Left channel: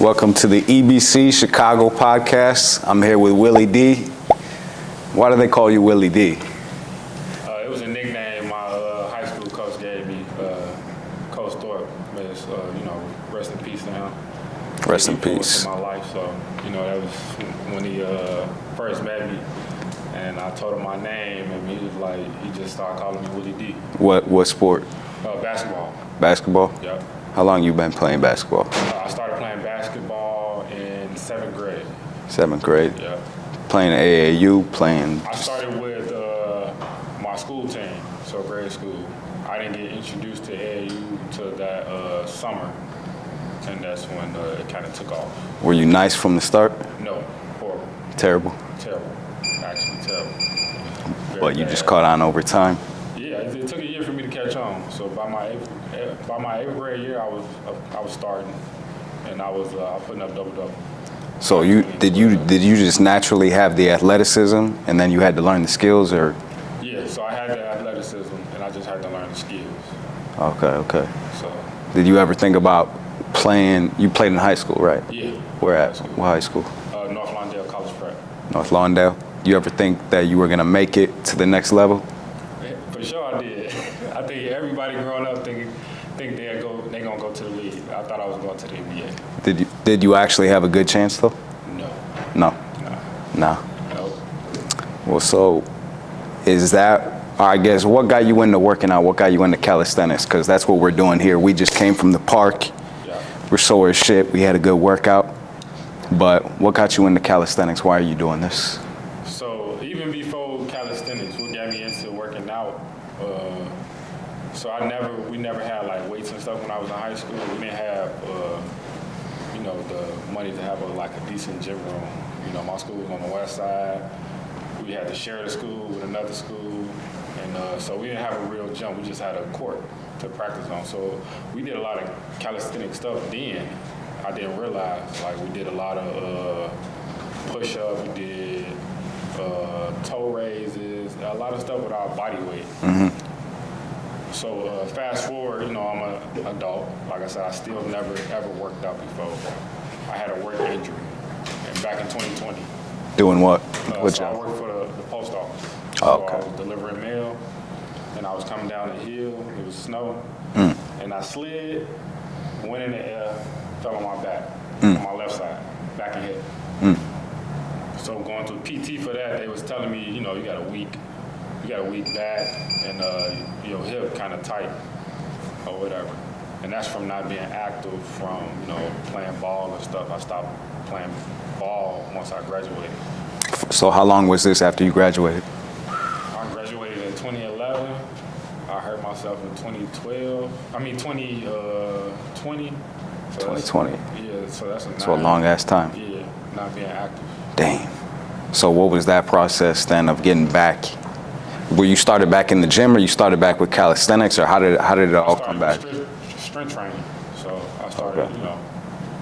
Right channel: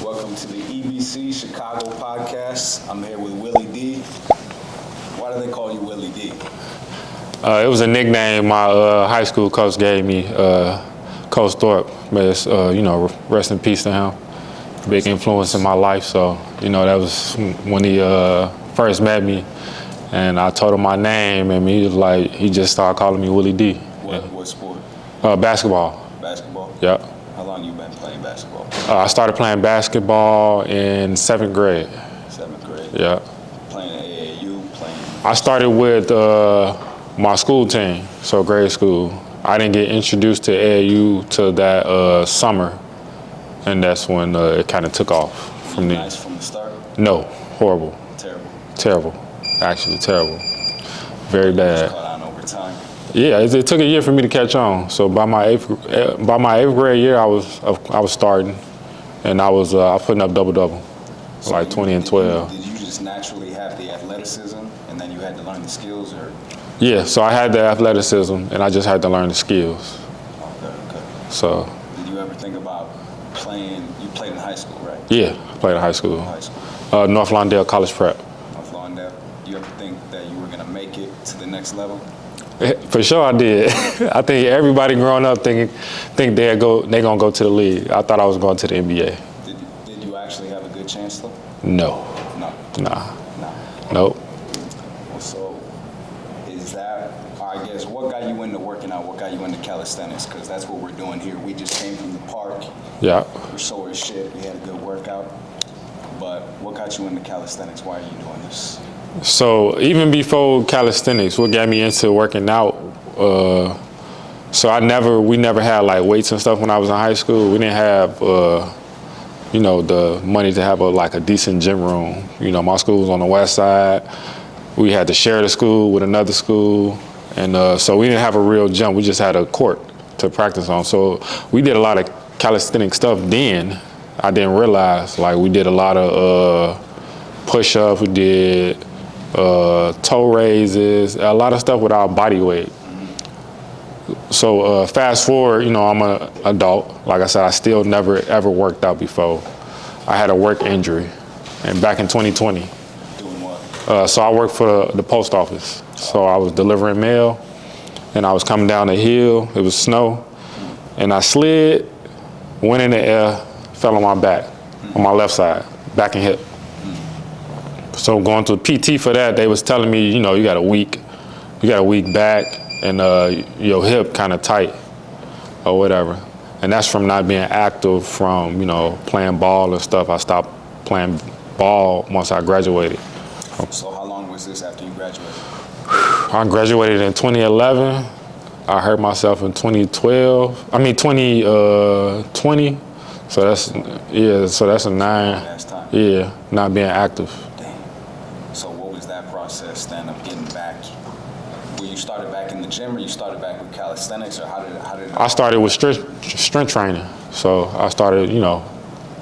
Welcome to the EBC Chicago podcast. I'm here with Willie D. Why do they call you Willie D? It was a nickname my high school coach gave me, Coach Thorpe. But it's, rest in peace to him. Big influence in my life. So, that was when he first met me. And I told him my name, and he just started calling me Willie D. What sport? Basketball. Basketball? Yep. How long you been playing basketball? I started playing basketball in 7th grade. 7th grade? Yeah. Playing AAU, playing? I started with my school team, so grade school. I didn't get introduced to AAU till that summer, and that's when it kind of took off. Were you nice from the start? No, horrible. Terrible? Terrible, actually terrible. Very bad. You just caught on over time? Yeah, it took a year for me to catch on. So by my eighth grade year, I was starting, and I was putting up double. So like 20 and 12. Did you just naturally have the athleticism, and then you had to learn the skills, or? Yeah, so I had the athleticism, and I just had to learn the skills. Okay. So. Did you ever think about playing? You played in high school, right? Yeah, played in high school. What high school? North Lawndale College Prep. North Lawndale. You ever think that you were gonna make it to the next level? For sure I did. I think everybody growing up think they gonna go to the league. I thought I was going to the NBA. Did you actually have a good chance though? No. Nah. Nope. Well, so is that, I guess, what got you into working out? What got you into calisthenics? Because that's what we're doing here. We just came from the park. Yeah. We're sore as shit. We had a good workout. But what got you into calisthenics? Why are you doing this? So even before calisthenics, what got me into working out, we never had like weights and stuff when I was in high school. We didn't have, the money to have a decent gym room. My school was on the west side. We had to share the school with another school. And so we didn't have a real gym. We just had a court to practice on. So we did a lot of calisthenic stuff then. I didn't realize, we did a lot of push-ups, we did toe raises, a lot of stuff with our body weight. Mm-hmm. So fast forward, I'm an adult. Like I said, I still never ever worked out before. I had a work injury, and back in 2020. Doing what? So I worked for the post office. Oh. So I was delivering mail, and I was coming down the hill. It was snow, and I slid, went in the air, fell on my back, on my left side, back and hip. So going to PT for that, they was telling me, you got a weak back, and your hip kind of tight, or whatever. And that's from not being active, from playing ball and stuff. I stopped playing ball once I graduated. So how long was this after you graduated? I graduated in 2011. I hurt myself in 2012. 2020. So that's 20. Yeah. So that's a long ass time. Yeah, not being active. Dang. So what was that process then of getting back? Were you started back in the gym, or you started back with calisthenics, or how did it all? I started with strength training. So I started,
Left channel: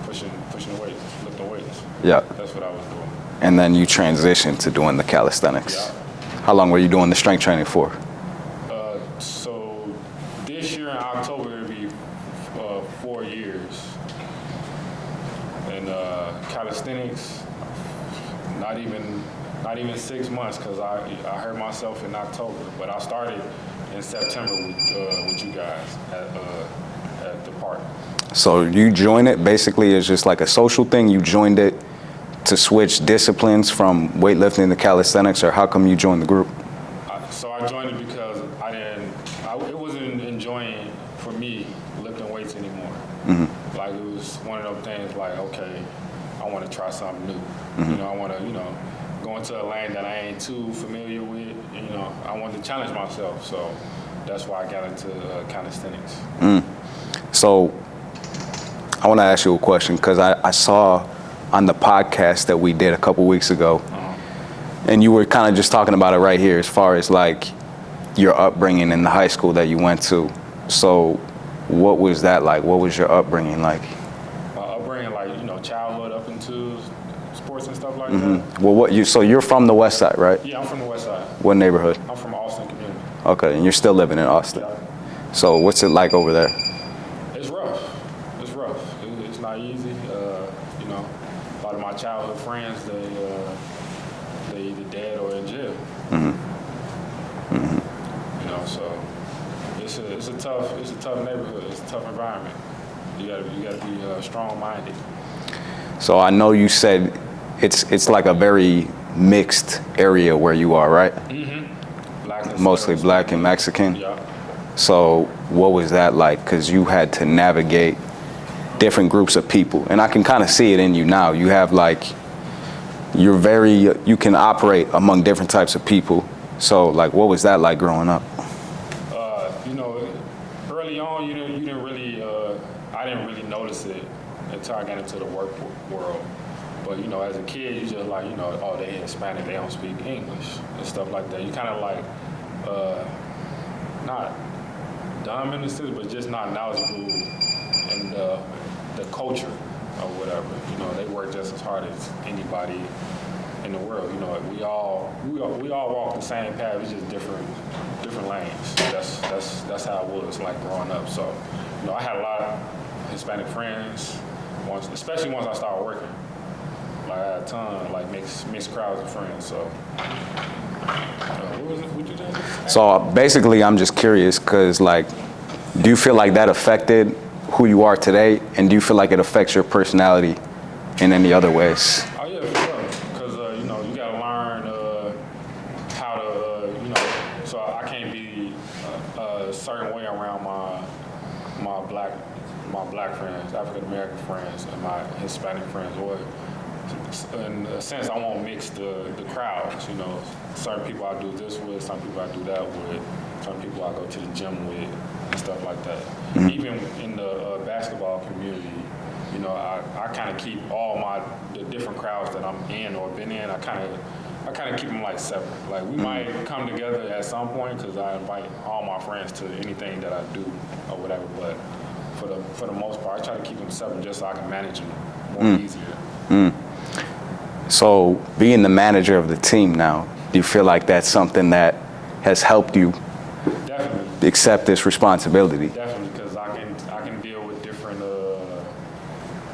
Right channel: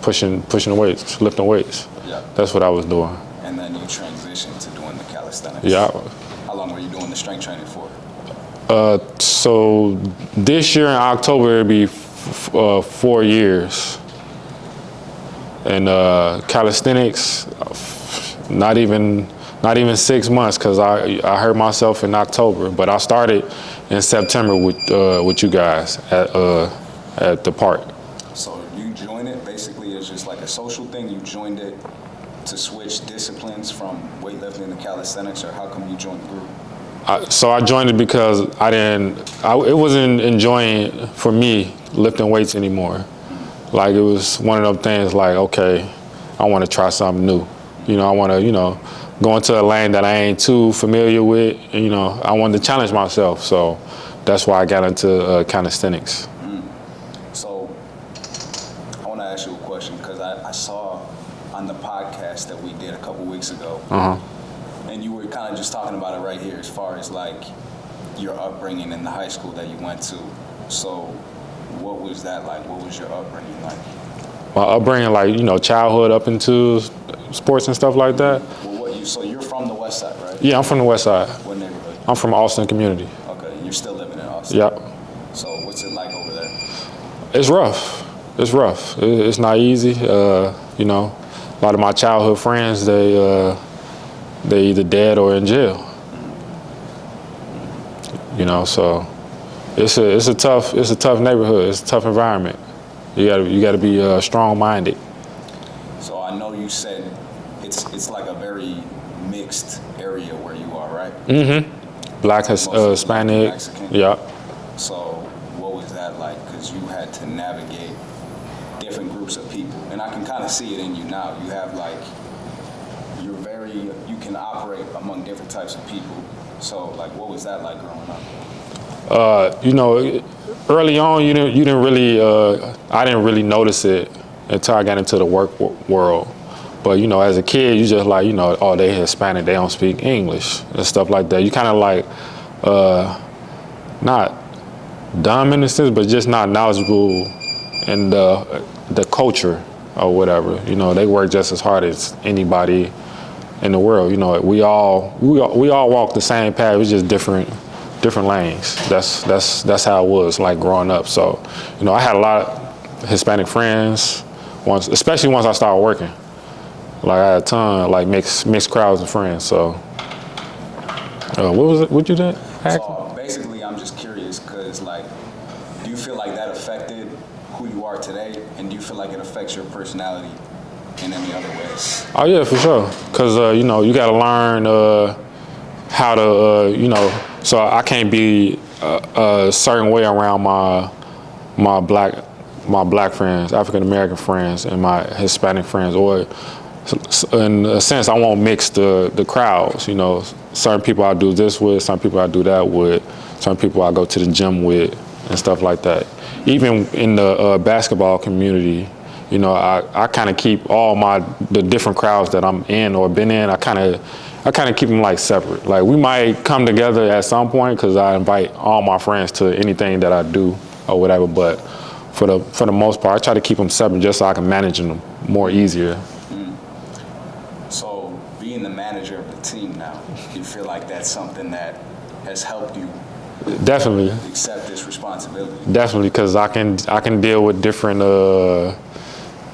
pushing weights, lifting weights. Yeah. That's what I was doing. And then you transitioned to doing the calisthenics. Yeah. How long were you doing the strength training for? So this year in October it'll be 4 years. And calisthenics, not even 6 months, because I hurt myself in October. But I started in September with you guys at the park. So you joined it basically as just like a social thing. You joined it to switch disciplines from weightlifting to calisthenics, or how come you joined the group? So I joined it because it wasn't enjoying for me lifting weights anymore. Mm-hmm. It was one of them things okay, I want to try something new. Mm-hmm. I want to, go into a lane that I ain't too familiar with. I wanted to challenge myself. So that's why I got into calisthenics. So I want to ask you a question, because I saw on the podcast that we did a couple weeks ago, and you were kind of just talking about it right here as far as your upbringing in the high school that you went to. So what was that like? What was your upbringing like? My upbringing, childhood up into sports and stuff like that. Well, so you're from the west side, right? Yeah, I'm from the west side. What neighborhood? I'm from Austin community. Okay, and you're still living in Austin? Yep. So what's it like over there? It's rough. it's rough. It's not easy. You know, a lot of my childhood friends, they either dead or in jail. You know, so it's a tough neighborhood. It's a tough environment. You gotta be strong-minded. So I know you said it's like a very mixed area where you are, right? Black, Mostly Black and Hispanic. Mexican. Yeah. So what was that like? Because you had to navigate different groups of people, and I can kind of see it in you now. You have like, you can operate among different types of people. So like, what was that like growing up? You know, early on, you didn't really, I didn't really notice it until I got into the work world. But you know, as a kid, you just like, you know, oh, they Hispanic, they don't speak English and stuff like that. You kind of like, not dumb in a sense, but just not knowledgeable in the culture or whatever. You know, they work just as hard as anybody in the world. You know, we all walk the same path. It's just different lanes. That's how it was like growing up. So, you know, I had a lot of Hispanic friends especially once I started working. Like I had a ton, like mixed crowds of friends. So, what was it? What you did? So basically, I'm just curious because like, do you feel like that affected who you are today, and do you feel like it affects your personality in any other ways? Oh yeah, for sure. Cause you know, you gotta learn how to you know. So I can't be a certain way around my black friends, African American friends, and my Hispanic friends, or in a sense, I won't mix the crowds. You know, certain people I do this with, some people I do that with, some people I go to the gym with, and stuff like that. Even in the basketball community, you know, I kind of keep all the different crowds that I'm in or been in. I kind of keep them like separate. Like we might come together at some point because I invite all my friends to anything that I do or whatever. But for the most part, I try to keep them separate just so I can manage them more easier. So being the manager of the team now, do you feel like that's something that has helped you Definitely accept this responsibility? Definitely, because I can deal with different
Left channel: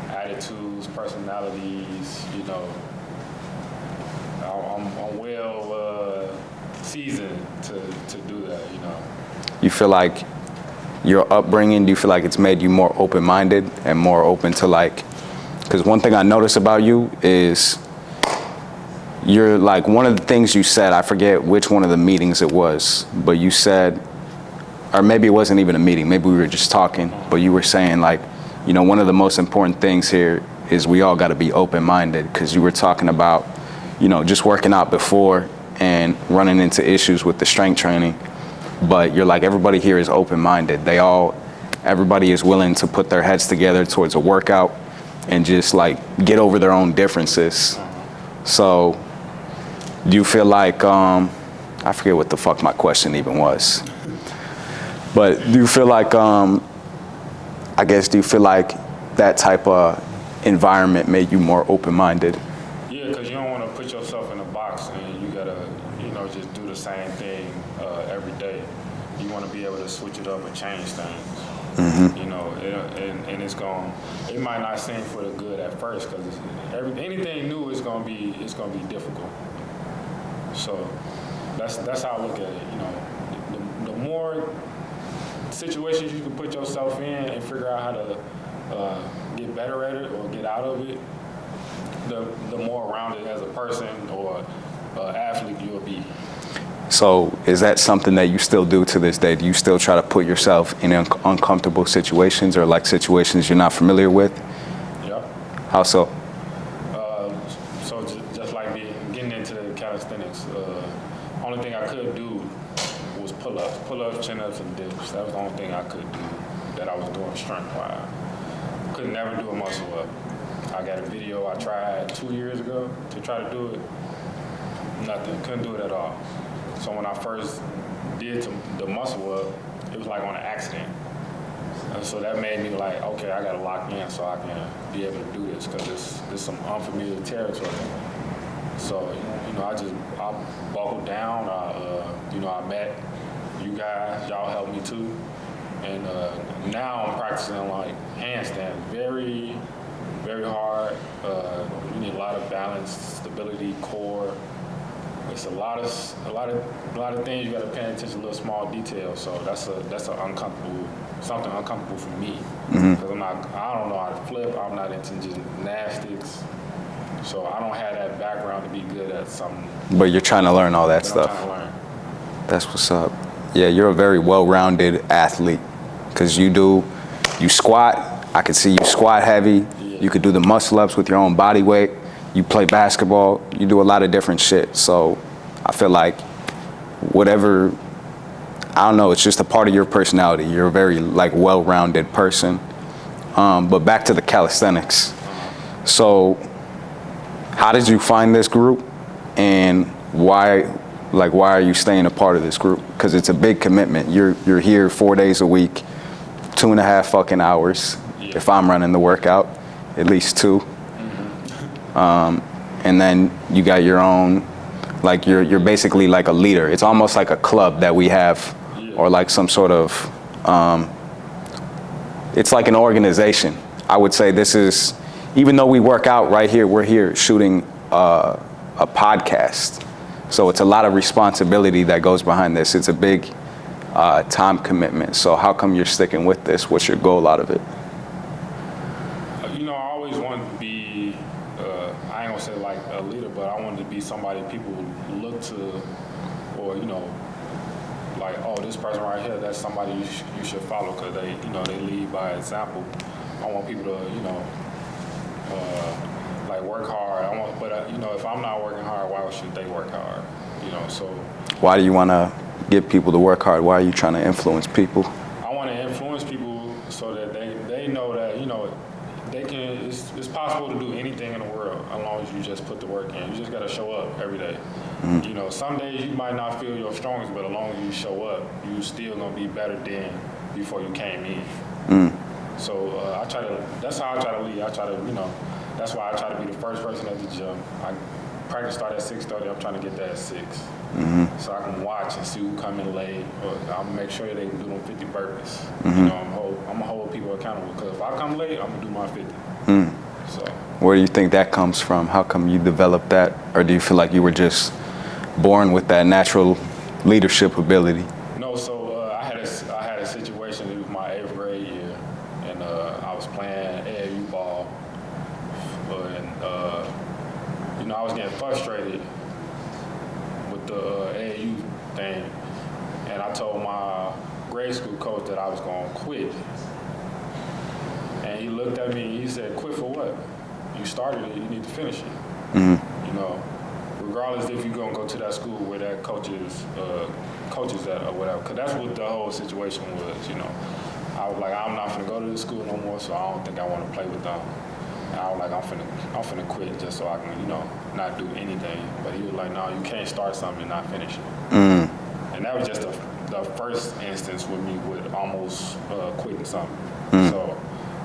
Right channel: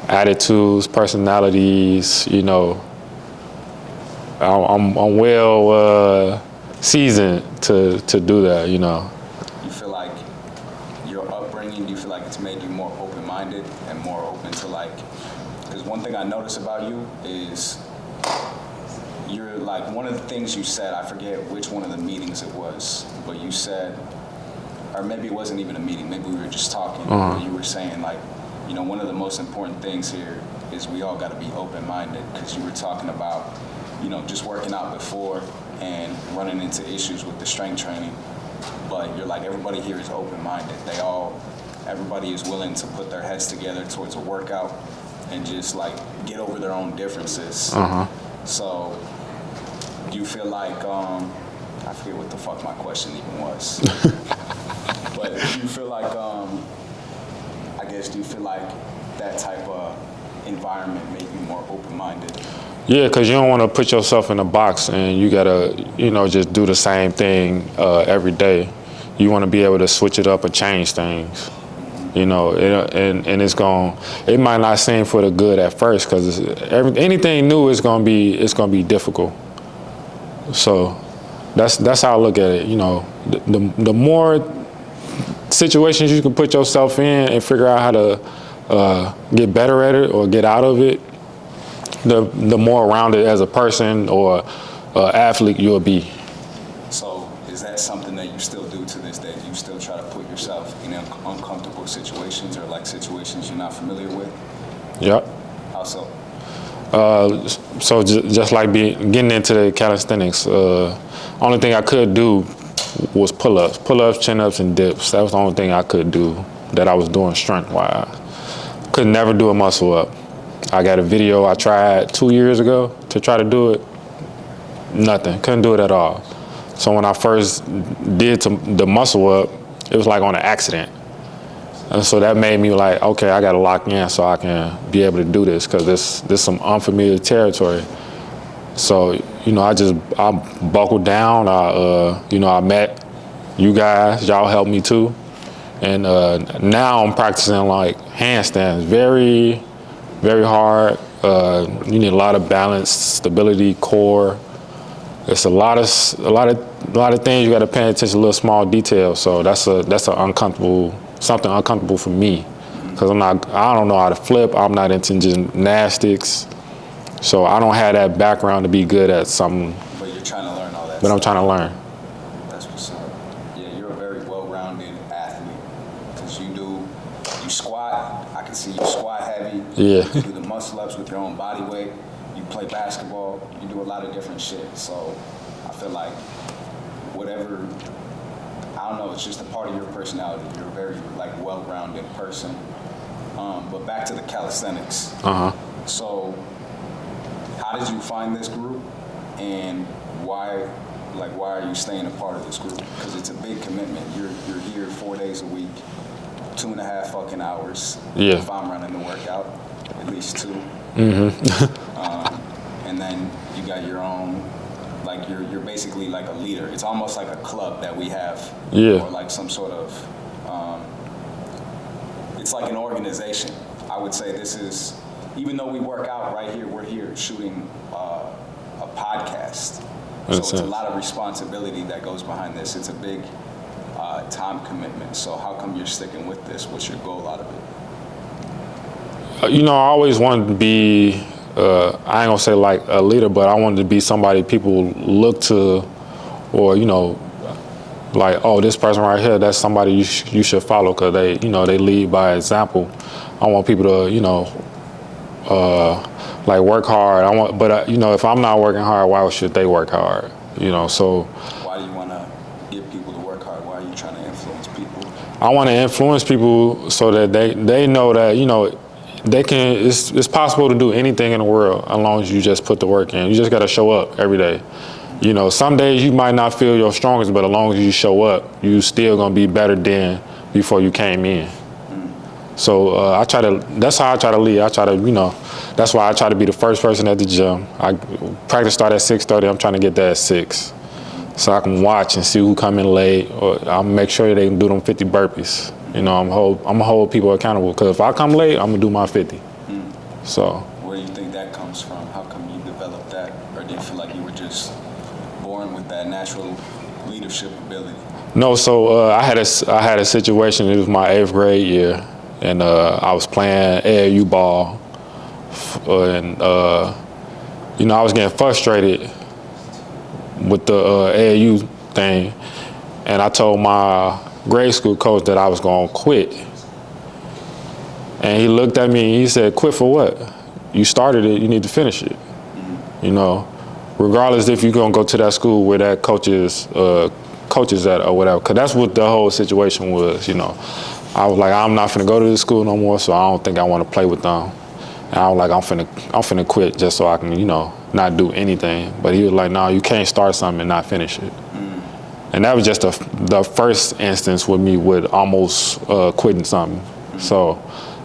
attitudes, personalities. You know, I'm well seasoned to do that. You know. You feel like your upbringing, do you feel like it's made you more open-minded and more open to like, because one thing I notice about you is you're like, one of the things you said, I forget which one of the meetings it was, but you said, or maybe it wasn't even a meeting, maybe we were just talking, but you were saying like, you know, one of the most important things here is we all got to be open-minded, because you were talking about, you know, just working out before and running into issues with the strength training. But you're like, everybody here is open-minded. Everybody is willing to put their heads together towards a workout and just like get over their own differences. So do you feel like, I forget what the fuck my question even was, but do you feel like, do you feel like that type of environment made you more open-minded? Yeah, because you don't want to put yourself in a box and you gotta, you know, just do the same thing every day. You want to be able to switch it up or change things. You know, and it might not seem for the good at first, because anything new is gonna be difficult. So that's how I look at it. You know, the more situations you can put yourself in and figure out how to get better at it or get out of it, the more rounded as a person or athlete you'll be. So is that something that you still do to this day? Do you still try to put yourself in uncomfortable situations or like situations you're not familiar with? Yep. How so? So just like getting into the calisthenics, only thing I could do was pull-ups, chin-ups, and dips. That was the only thing I could do that I was doing strength-wise. Could never do a muscle-up. I got a video I tried 2 years ago to try to do it. Nothing, couldn't do it at all. So when I first did the muscle-up, it was like on an accident. And so that made me like, okay, I gotta lock in so I can be able to do this, because this some unfamiliar territory. So, you know, I buckled down. I met you guys, y'all helped me too. And now I'm practicing like handstands, very, very hard. You need a lot of balance, stability, core. It's a lot of things you got to pay attention to, little small details. So that's something uncomfortable for me, because I don't know how to flip. I'm not into gymnastics, so I don't have that background to be good at something. But you're trying to learn all that stuff. But I'm trying to learn. That's what's up. Yeah, you're a very well-rounded athlete, because you squat. I can see you squat heavy. Yeah. You can do the muscle ups with your own body weight. You play basketball. You do a lot of different shit. So I feel like whatever, I don't know, it's just a part of your personality. You're a very like well-rounded person. But back to the calisthenics. So how did you find this group, and why are you staying a part of this group? Because it's a big commitment. You're here 4 days a week, 2.5 fucking hours. Yeah. If I'm running the workout, at least 2. And then you got your own, like you're basically like a leader. It's almost like a club that we have, or like some sort of, it's like an organization. I would say this is, even though we work out right here, we're here shooting a podcast. So it's a lot of responsibility that goes behind this. It's a big time commitment. So how come you're sticking with this? What's your goal out of it? You know, I always wanted to be, I ain't gonna say like a leader, but I wanted to be somebody people look to, or, you know, like, oh, this person right here, that's somebody you should follow, because they, you know, they lead by example. I want people to, you know, like work hard. But you know, if I'm not working hard, why should they work hard? You know, so. Why do you want to get people to work hard? Why are you trying to influence people? I want to influence people so that they know that, you know, they can. It's possible to do anything in the world as long as you just put the work in. You just got to show up every day. You know, some days you might not feel your strongest, but as long as you show up, you still gonna be better than before you came in. So that's how I try to lead. I try to, you know, that's why I try to be the first person at the gym. Practice start at 6:30. I'm trying to get there at 6. So I can watch and see who come in late, or I'll make sure they can do them 50 burpees. You know, I'm gonna hold people accountable, because if I come late, I'm gonna do my 50. So. Where do you think that comes from? How come you developed that? Or do you feel like you were just born with that natural leadership ability? No, so I had a situation. It was my 8th grade year, and I was playing AAU ball, and you know, I was getting frustrated with the AAU thing, and I told my grade school coach that I was gonna quit. And he looked at me and he said, "Quit for what? You started it, you need to finish it." You know, regardless if you're gonna go to that school where that coach is at or whatever, because that's what the whole situation was. You know, I was like, I'm not finna go to this school no more, so I don't think I want to play with them. And I was like, I'm finna quit just so I can, you know, not do anything. But he was like, no, you can't start something and not finish it. And that was just the first instance with me with almost quitting something. So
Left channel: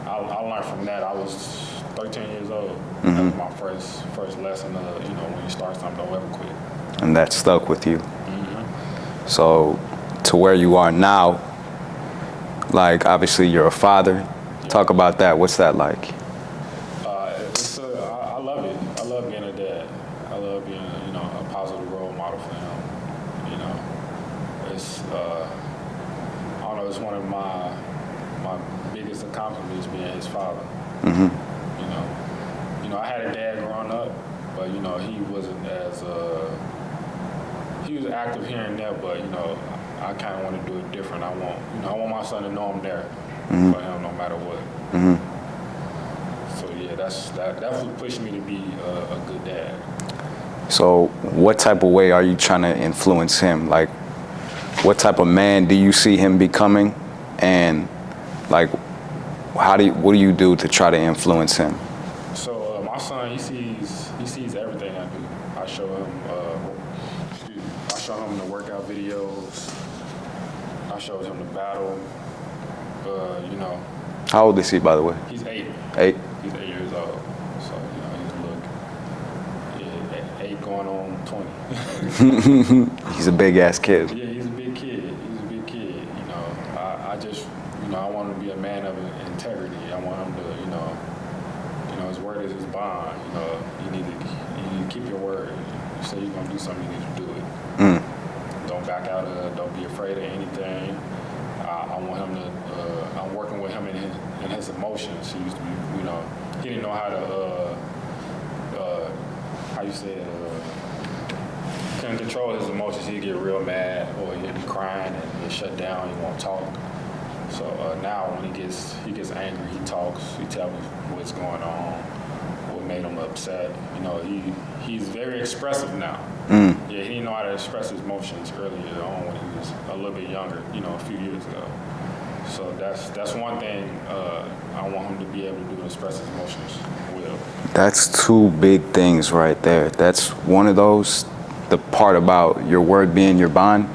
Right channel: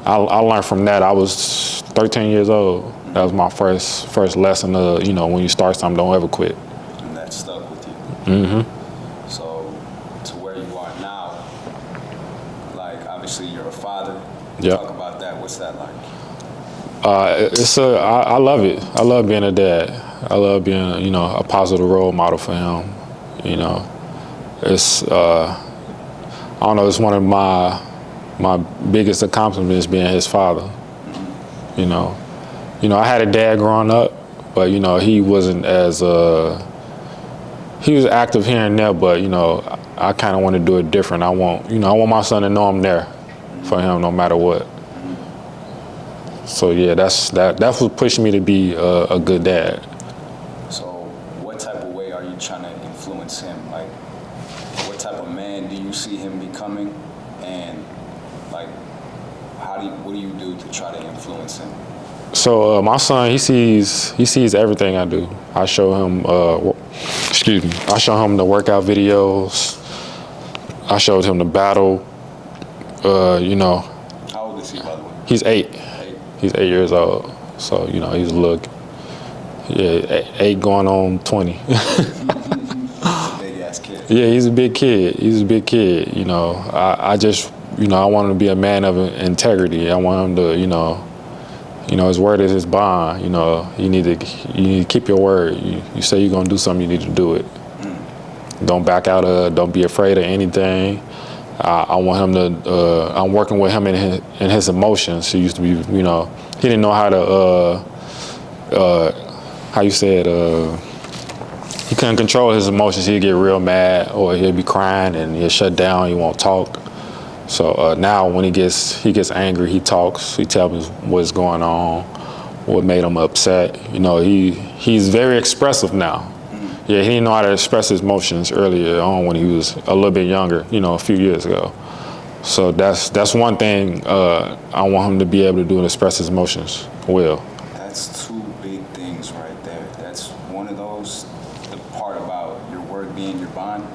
I learned from that. I was 13 years old. That was my first lesson of, you know, when you start something, don't ever quit. And that stuck with you. So to where you are now, like obviously you're a father. Talk about that. What's that like? I love it. I love being a dad. I love being, you know, a positive role model for him. You know, it's I don't know. It's one of my biggest accomplishments being his father. You know, I had a dad growing up, but you know, he wasn't as he was active here and there, but you know, I kind of want to do it different. I want my son to know I'm there for him no matter what. So yeah, that's what pushed me to be a good dad. So what type of way are you trying to influence him? Like, what type of man do you see him becoming? And like, what do you do to try to influence him? So my son, he sees everything I do. I show him, I show him the workout videos. I showed him the battle. You know. How old is he, by the way? He's 8. 8. He's 8 years old. So you know, he's a little. Yeah, 8 going on 20. He's a big ass kid. Yeah, he's a big kid. You know, I just I want him to be a man of integrity. I want him to, his word is his bond. You need to keep your word. You say you're gonna do something, you need to do it. Don't back out of it. Don't be afraid of anything. I want him to. I'm working with him in his emotions. He used to be, he didn't know how to. How you say it? He couldn't control his emotions. He'd get real mad, or he'd be crying, and he'd shut down. He won't talk. So now, when he gets angry, he talks. He tells me what's going on, what made him upset. He's very expressive now. Yeah, he didn't know how to express his emotions earlier on when he was a little bit younger. A few years ago. So that's one thing I want him to be able to do, and express his emotions well. That's two big things right there. That's one of those. The part about your word being your bond,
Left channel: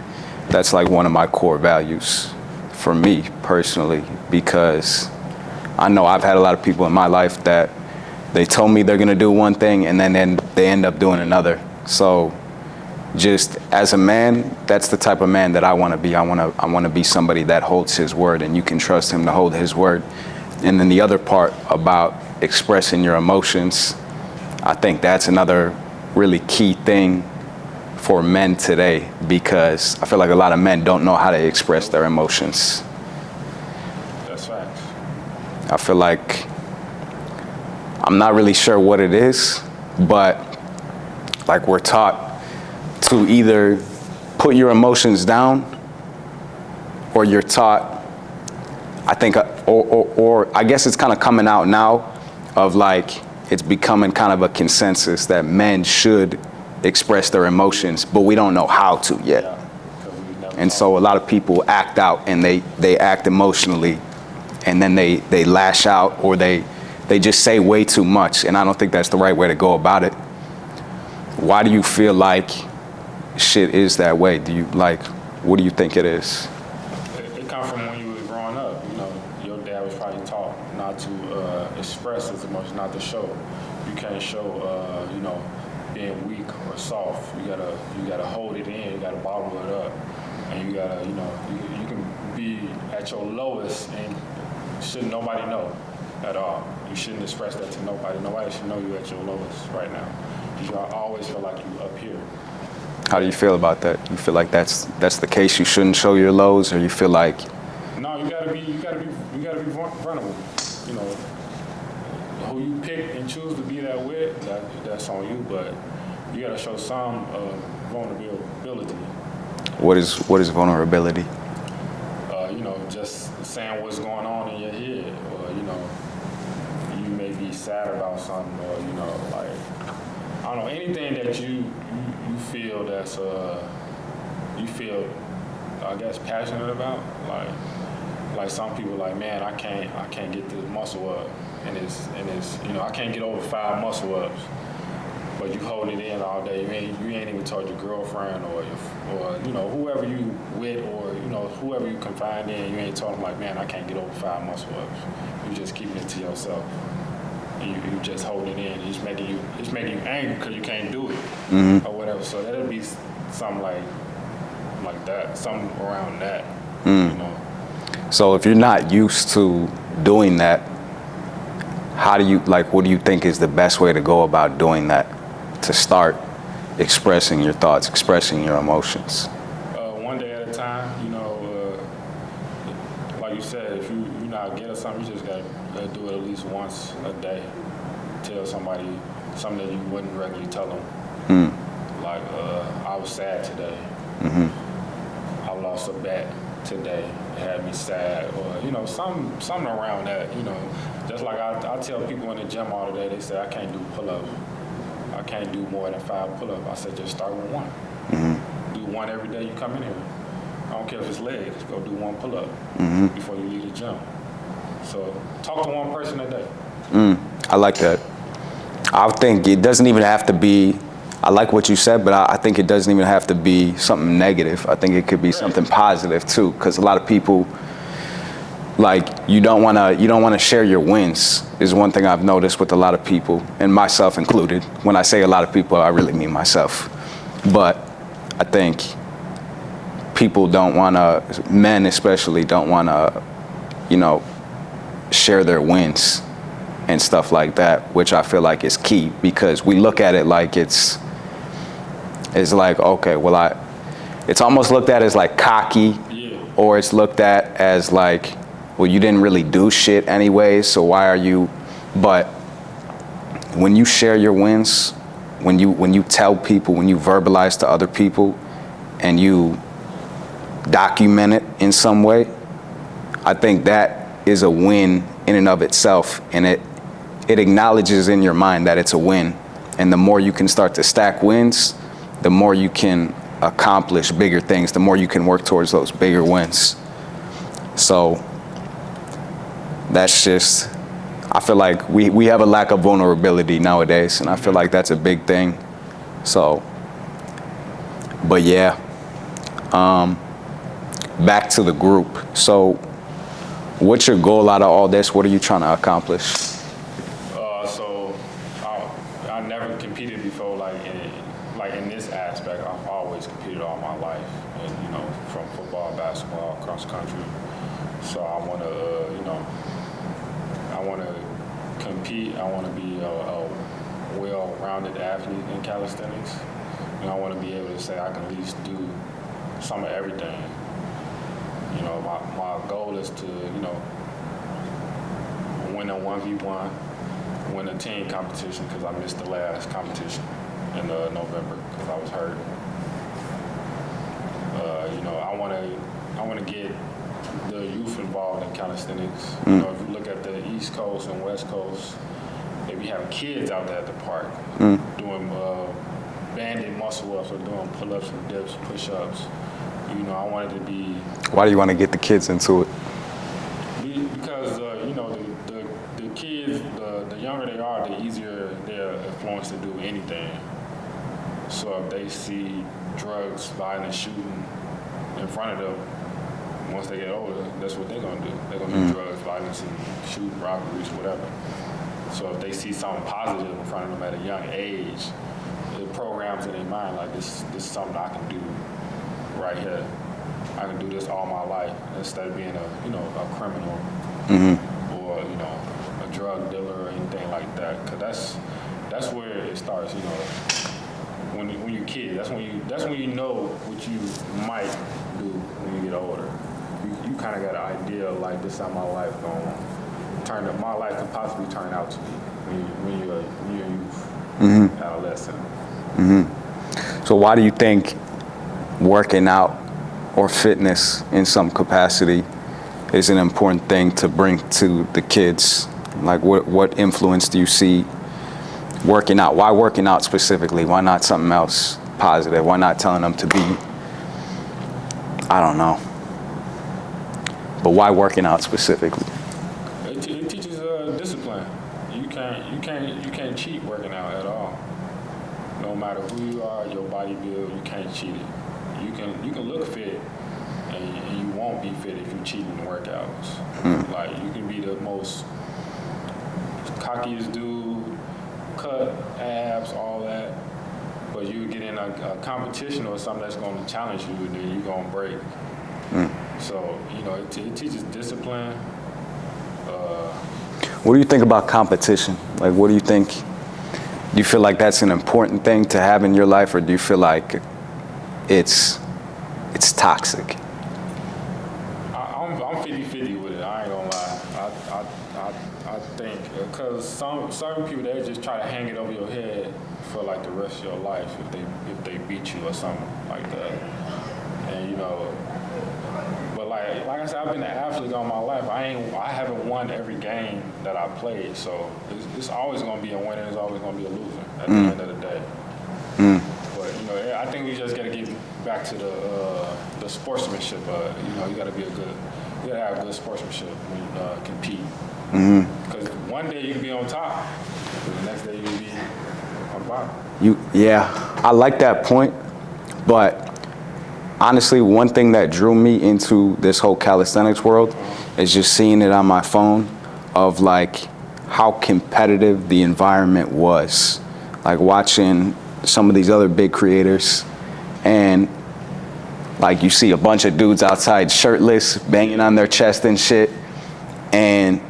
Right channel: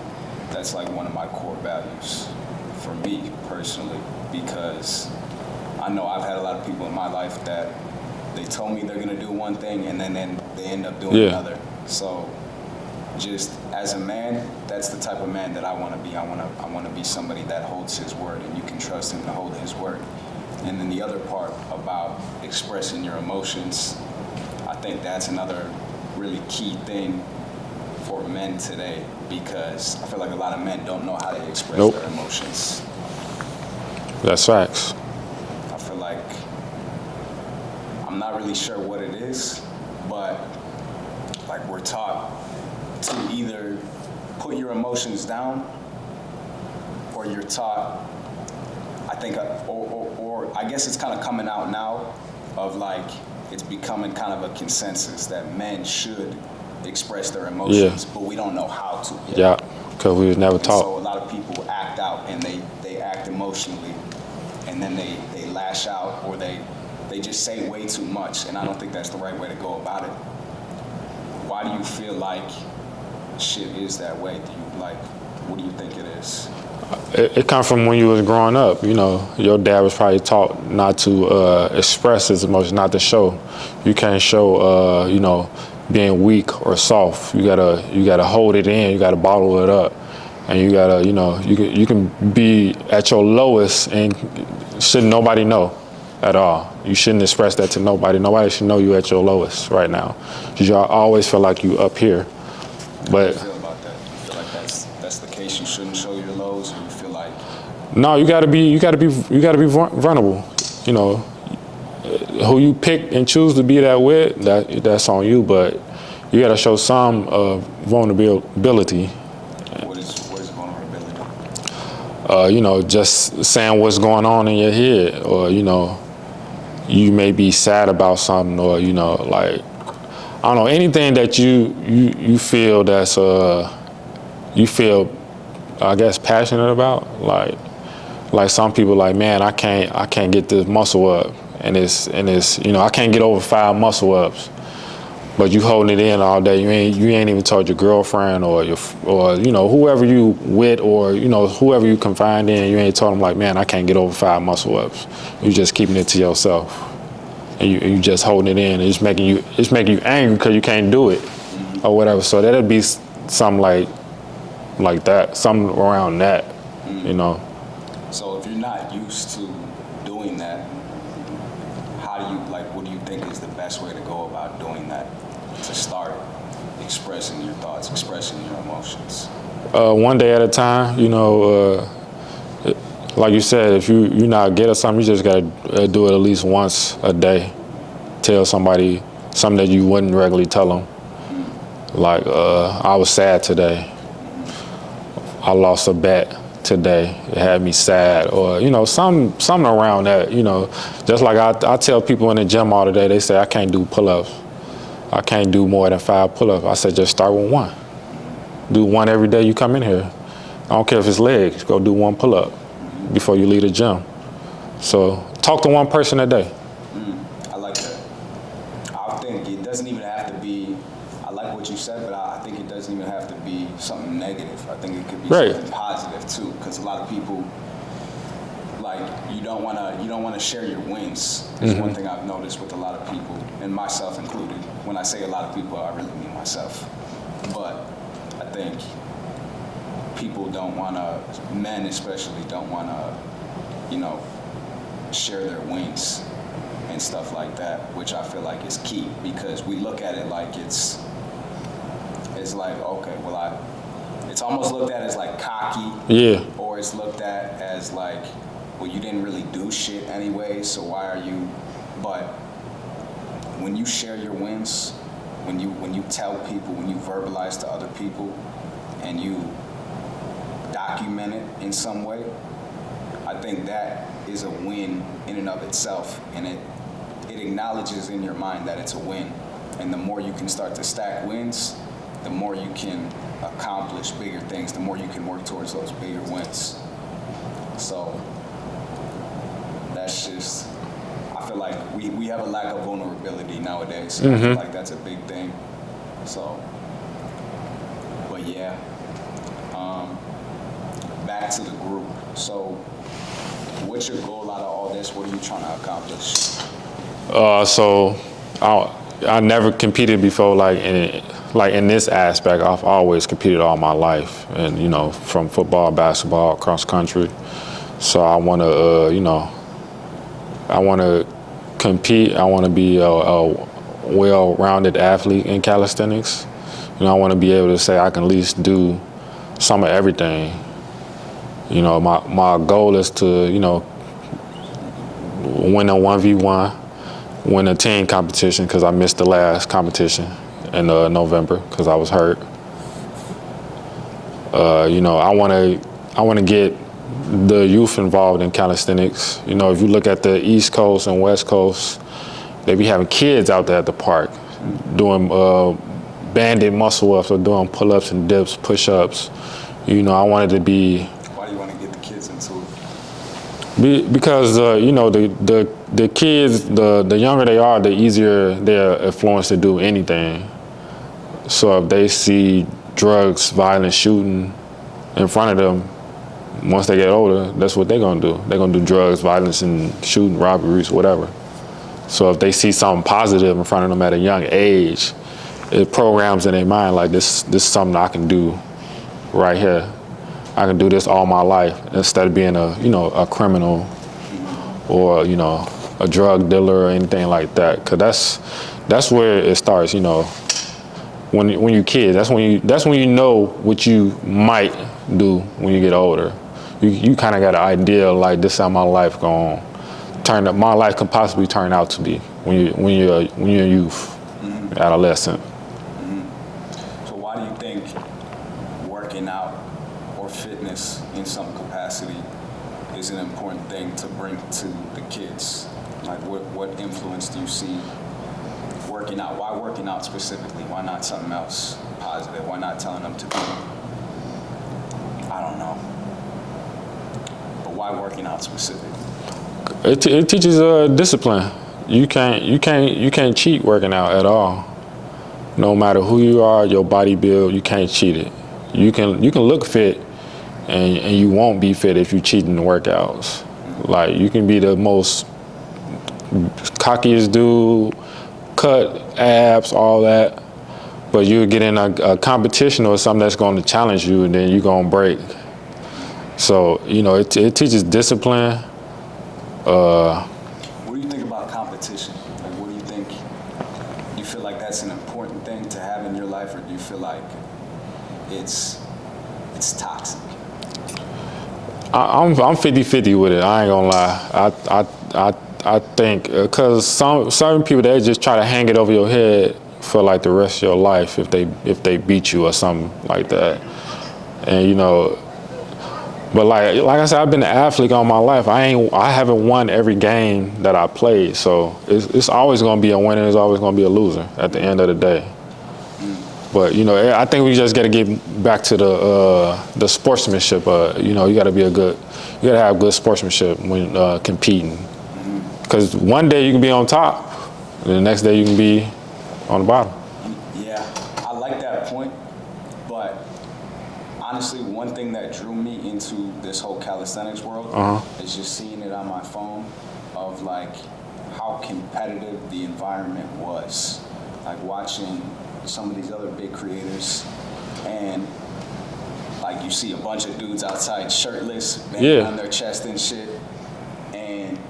that's like one of my core values for me personally, because I know I've had a lot of people in my life that they told me they're gonna do one thing and then they end up doing another. So just as a man, that's the type of man that I want to be. I want to be somebody that holds his word, and you can trust him to hold his word. And then the other part about expressing your emotions, I think that's another really key thing for men today, because I feel like a lot of men don't know how to express their emotions. That's facts. I feel like I'm not really sure what it is, but like we're taught to either put your emotions down, or you're taught, I think, or I guess it's kind of coming out now of like, it's becoming kind of a consensus that men should express their emotions, but we don't know how to yet. Yeah, because we was never taught. And so a lot of people act out, and they act emotionally, and then they lash out, or they just say way too much, and I don't think that's the right way to go about it. Why do you feel like shit is that way? What do you think it is? It comes from when you was growing up. Your dad was probably taught not to express his emotions, not to show. You can't show, being weak or soft. You gotta hold it in. You gotta bottle it up, and you gotta, you can be at your lowest, and shouldn't nobody know at all. You shouldn't express that to nobody. Nobody should know you at your lowest right now. You always feel like you up here. How do you feel about that? You feel like that's the case? You shouldn't show your lows, or you feel like? No, you gotta be vulnerable. Who you pick and choose to be that with, that's on you. But you gotta show some vulnerability. What is vulnerability? Just saying what's going on in your head, or you may be sad about something, or I don't know, anything that you feel that's you feel, I guess, passionate about. Like some people, like, man, I can't get this muscle up, and it's I can't get over 5 muscle ups, but you holding it in all day. You ain't even told your girlfriend or whoever you with, or whoever you confide in. You ain't told them, like, man, I can't get over 5 muscle ups. You just keeping it to yourself. And you just holding it in. It's making you angry because you can't do it, or whatever. So that'd be something like that, something around that, So if you're not used to doing that, what do you think is the best way to go about doing that, to start expressing your thoughts, expressing your emotions? One day at a time, like you said, if you're not good at something, you just gotta do it at least once a day. Tell somebody something that you wouldn't regularly tell them. Like, I was sad today. I lost a bet today. It had me sad, or something around that. Just like I tell people in the gym all the day, they say I can't do pull-ups. I can't do more than 5 pull-ups. I said just start with 1. Do 1 every day you come in here. I don't care if it's legs. Go do 1 pull-up before you leave the gym. So talk to 1 person a day. I like that. I think it doesn't even have to be, I like what you said, but I think it doesn't even have to be something negative. I think it could be something positive too, because a lot of people, like, you don't want to share your wins is one thing I've noticed with a lot of people, and myself included. When I say a lot of people, I really mean myself. But I think people don't want to, men especially, don't want to share their wins and stuff like that, which I feel like is key, because we look at it like it's like, okay, well, it's almost looked at as like cocky, or it's looked at as like, well, you didn't really do shit anyway, so why are you? But when you share your wins, when you tell people, when you verbalize to other people, and you document it in some way, I think that is a win in and of itself, and it acknowledges in your mind that it's a win. And the more you can start to stack wins, the more you can accomplish bigger things, the more you can work towards those bigger wins. So that's just, I feel like we have a lack of vulnerability nowadays, and I feel like that's a big thing. So, but yeah, back to the group. So what's your goal out of all this? What are you trying to accomplish? So I never competed before, like in this aspect. I've always competed all my life, and from football, basketball, cross country. So I want to, I want to compete. I want to be a well-rounded athlete in calisthenics. I want to be able to say I can at least do some of everything. My goal is to, win a 1v1, win a team competition, because I missed the last competition in November because I was hurt. I want to get the youth involved in calisthenics. If you look at the East Coast and West Coast, they be having kids out there at the park doing banded muscle ups or doing pull-ups and dips, push-ups. I wanted to be. Why do you want to get the kids into it? Because the kids, the younger they are, the easier they're influenced to do anything. So if they see drugs, violence, shooting in front of them, once they get older, that's what they're gonna do. They're gonna do drugs, violence, and shooting, robberies, whatever. So if they see something positive in front of them at a young age, it programs in their mind like this is something I can do right here. I can do this all my life instead of being a criminal or a drug dealer or anything like that. Cause that's where it starts. When you're kids, that's when you know what you might do when you get older. You kind of got an idea like this is how my life gonna turn up. My life can possibly turn out to be when you're a youth, adolescent. So why do you think working out or fitness in some capacity is an important thing to bring to the kids? Like what influence do you see working out? Why working out specifically? Why not something else positive? Why not telling them to be, I don't know. But why working out specifically? It teaches discipline. You can't cheat working out at all. No matter who you are, your body build, you can't cheat it. You can look fit, and you won't be fit if you cheat in the workouts. Like you can be the most cockiest dude, cut abs, all that, but you get in a competition or something that's going to challenge you, and then you're gonna break. So it teaches discipline. What do you think about competition? Like, what do you think? Do you feel like that's an important thing to have in your life, or do you feel like it's toxic? I'm 50-50 with it. I ain't gonna lie. I think because certain people, they just try to hang it over your head for like the rest of your life if they beat you or something like that. And but like I said, I've been an athlete all my life. I haven't won every game that I played, so it's always gonna be a winner. It's always gonna be a loser at the end of the day. But I think we just gotta get back to the sportsmanship. You gotta have good sportsmanship when competing. Because one day you can be on top, and the next day you can be on the bottom. I like that point, but honestly, one thing that drew me into this whole calisthenics world is just seeing it on my phone of like how competitive the environment was. Like watching some of these other big creators, and like you see a bunch of dudes outside shirtless, banging on their chest and shit. and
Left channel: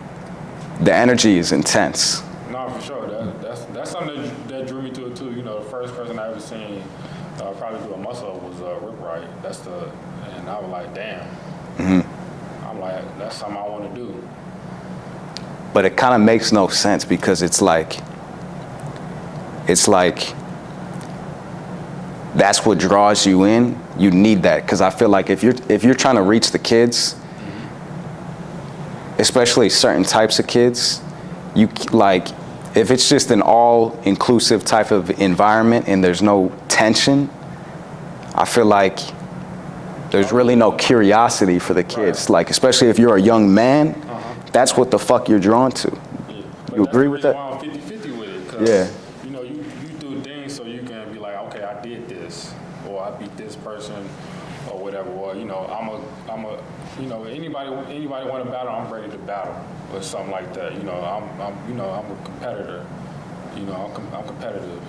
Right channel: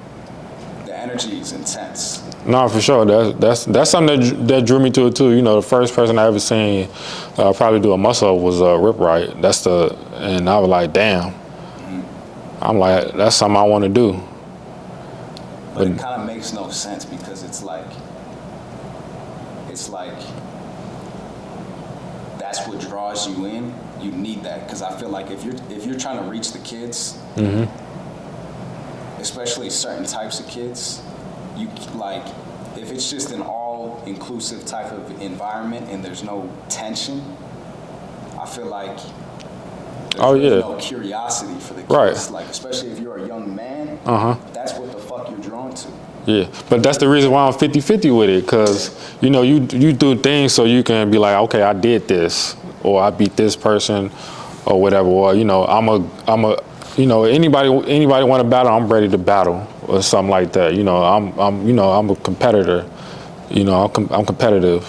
the energy is intense. No, for sure. That's something that drew me to it too. You know, the first person I ever seen probably do a muscle up was Rip Wright. And I was like, damn. Mm-hmm. I'm like, that's something I want to do. But it kind of makes no sense because it's like that's what draws you in. You need that because I feel like if you're trying to reach the kids, mm-hmm. especially certain types of kids, you like if it's just an all-inclusive type of environment and there's no tension, I feel like there's really no curiosity for the kids. Right. Like especially if you're a young man, that's what the fuck you're drawn to. Yeah, but that's the reason why I'm 50-50 with it, because you know you do things so you can be like, okay, I did this, or I beat this person, or whatever, or you know I'm a you know anybody want to battle, I'm ready to battle, or something like that. You know I'm a competitor, you know I'm competitive,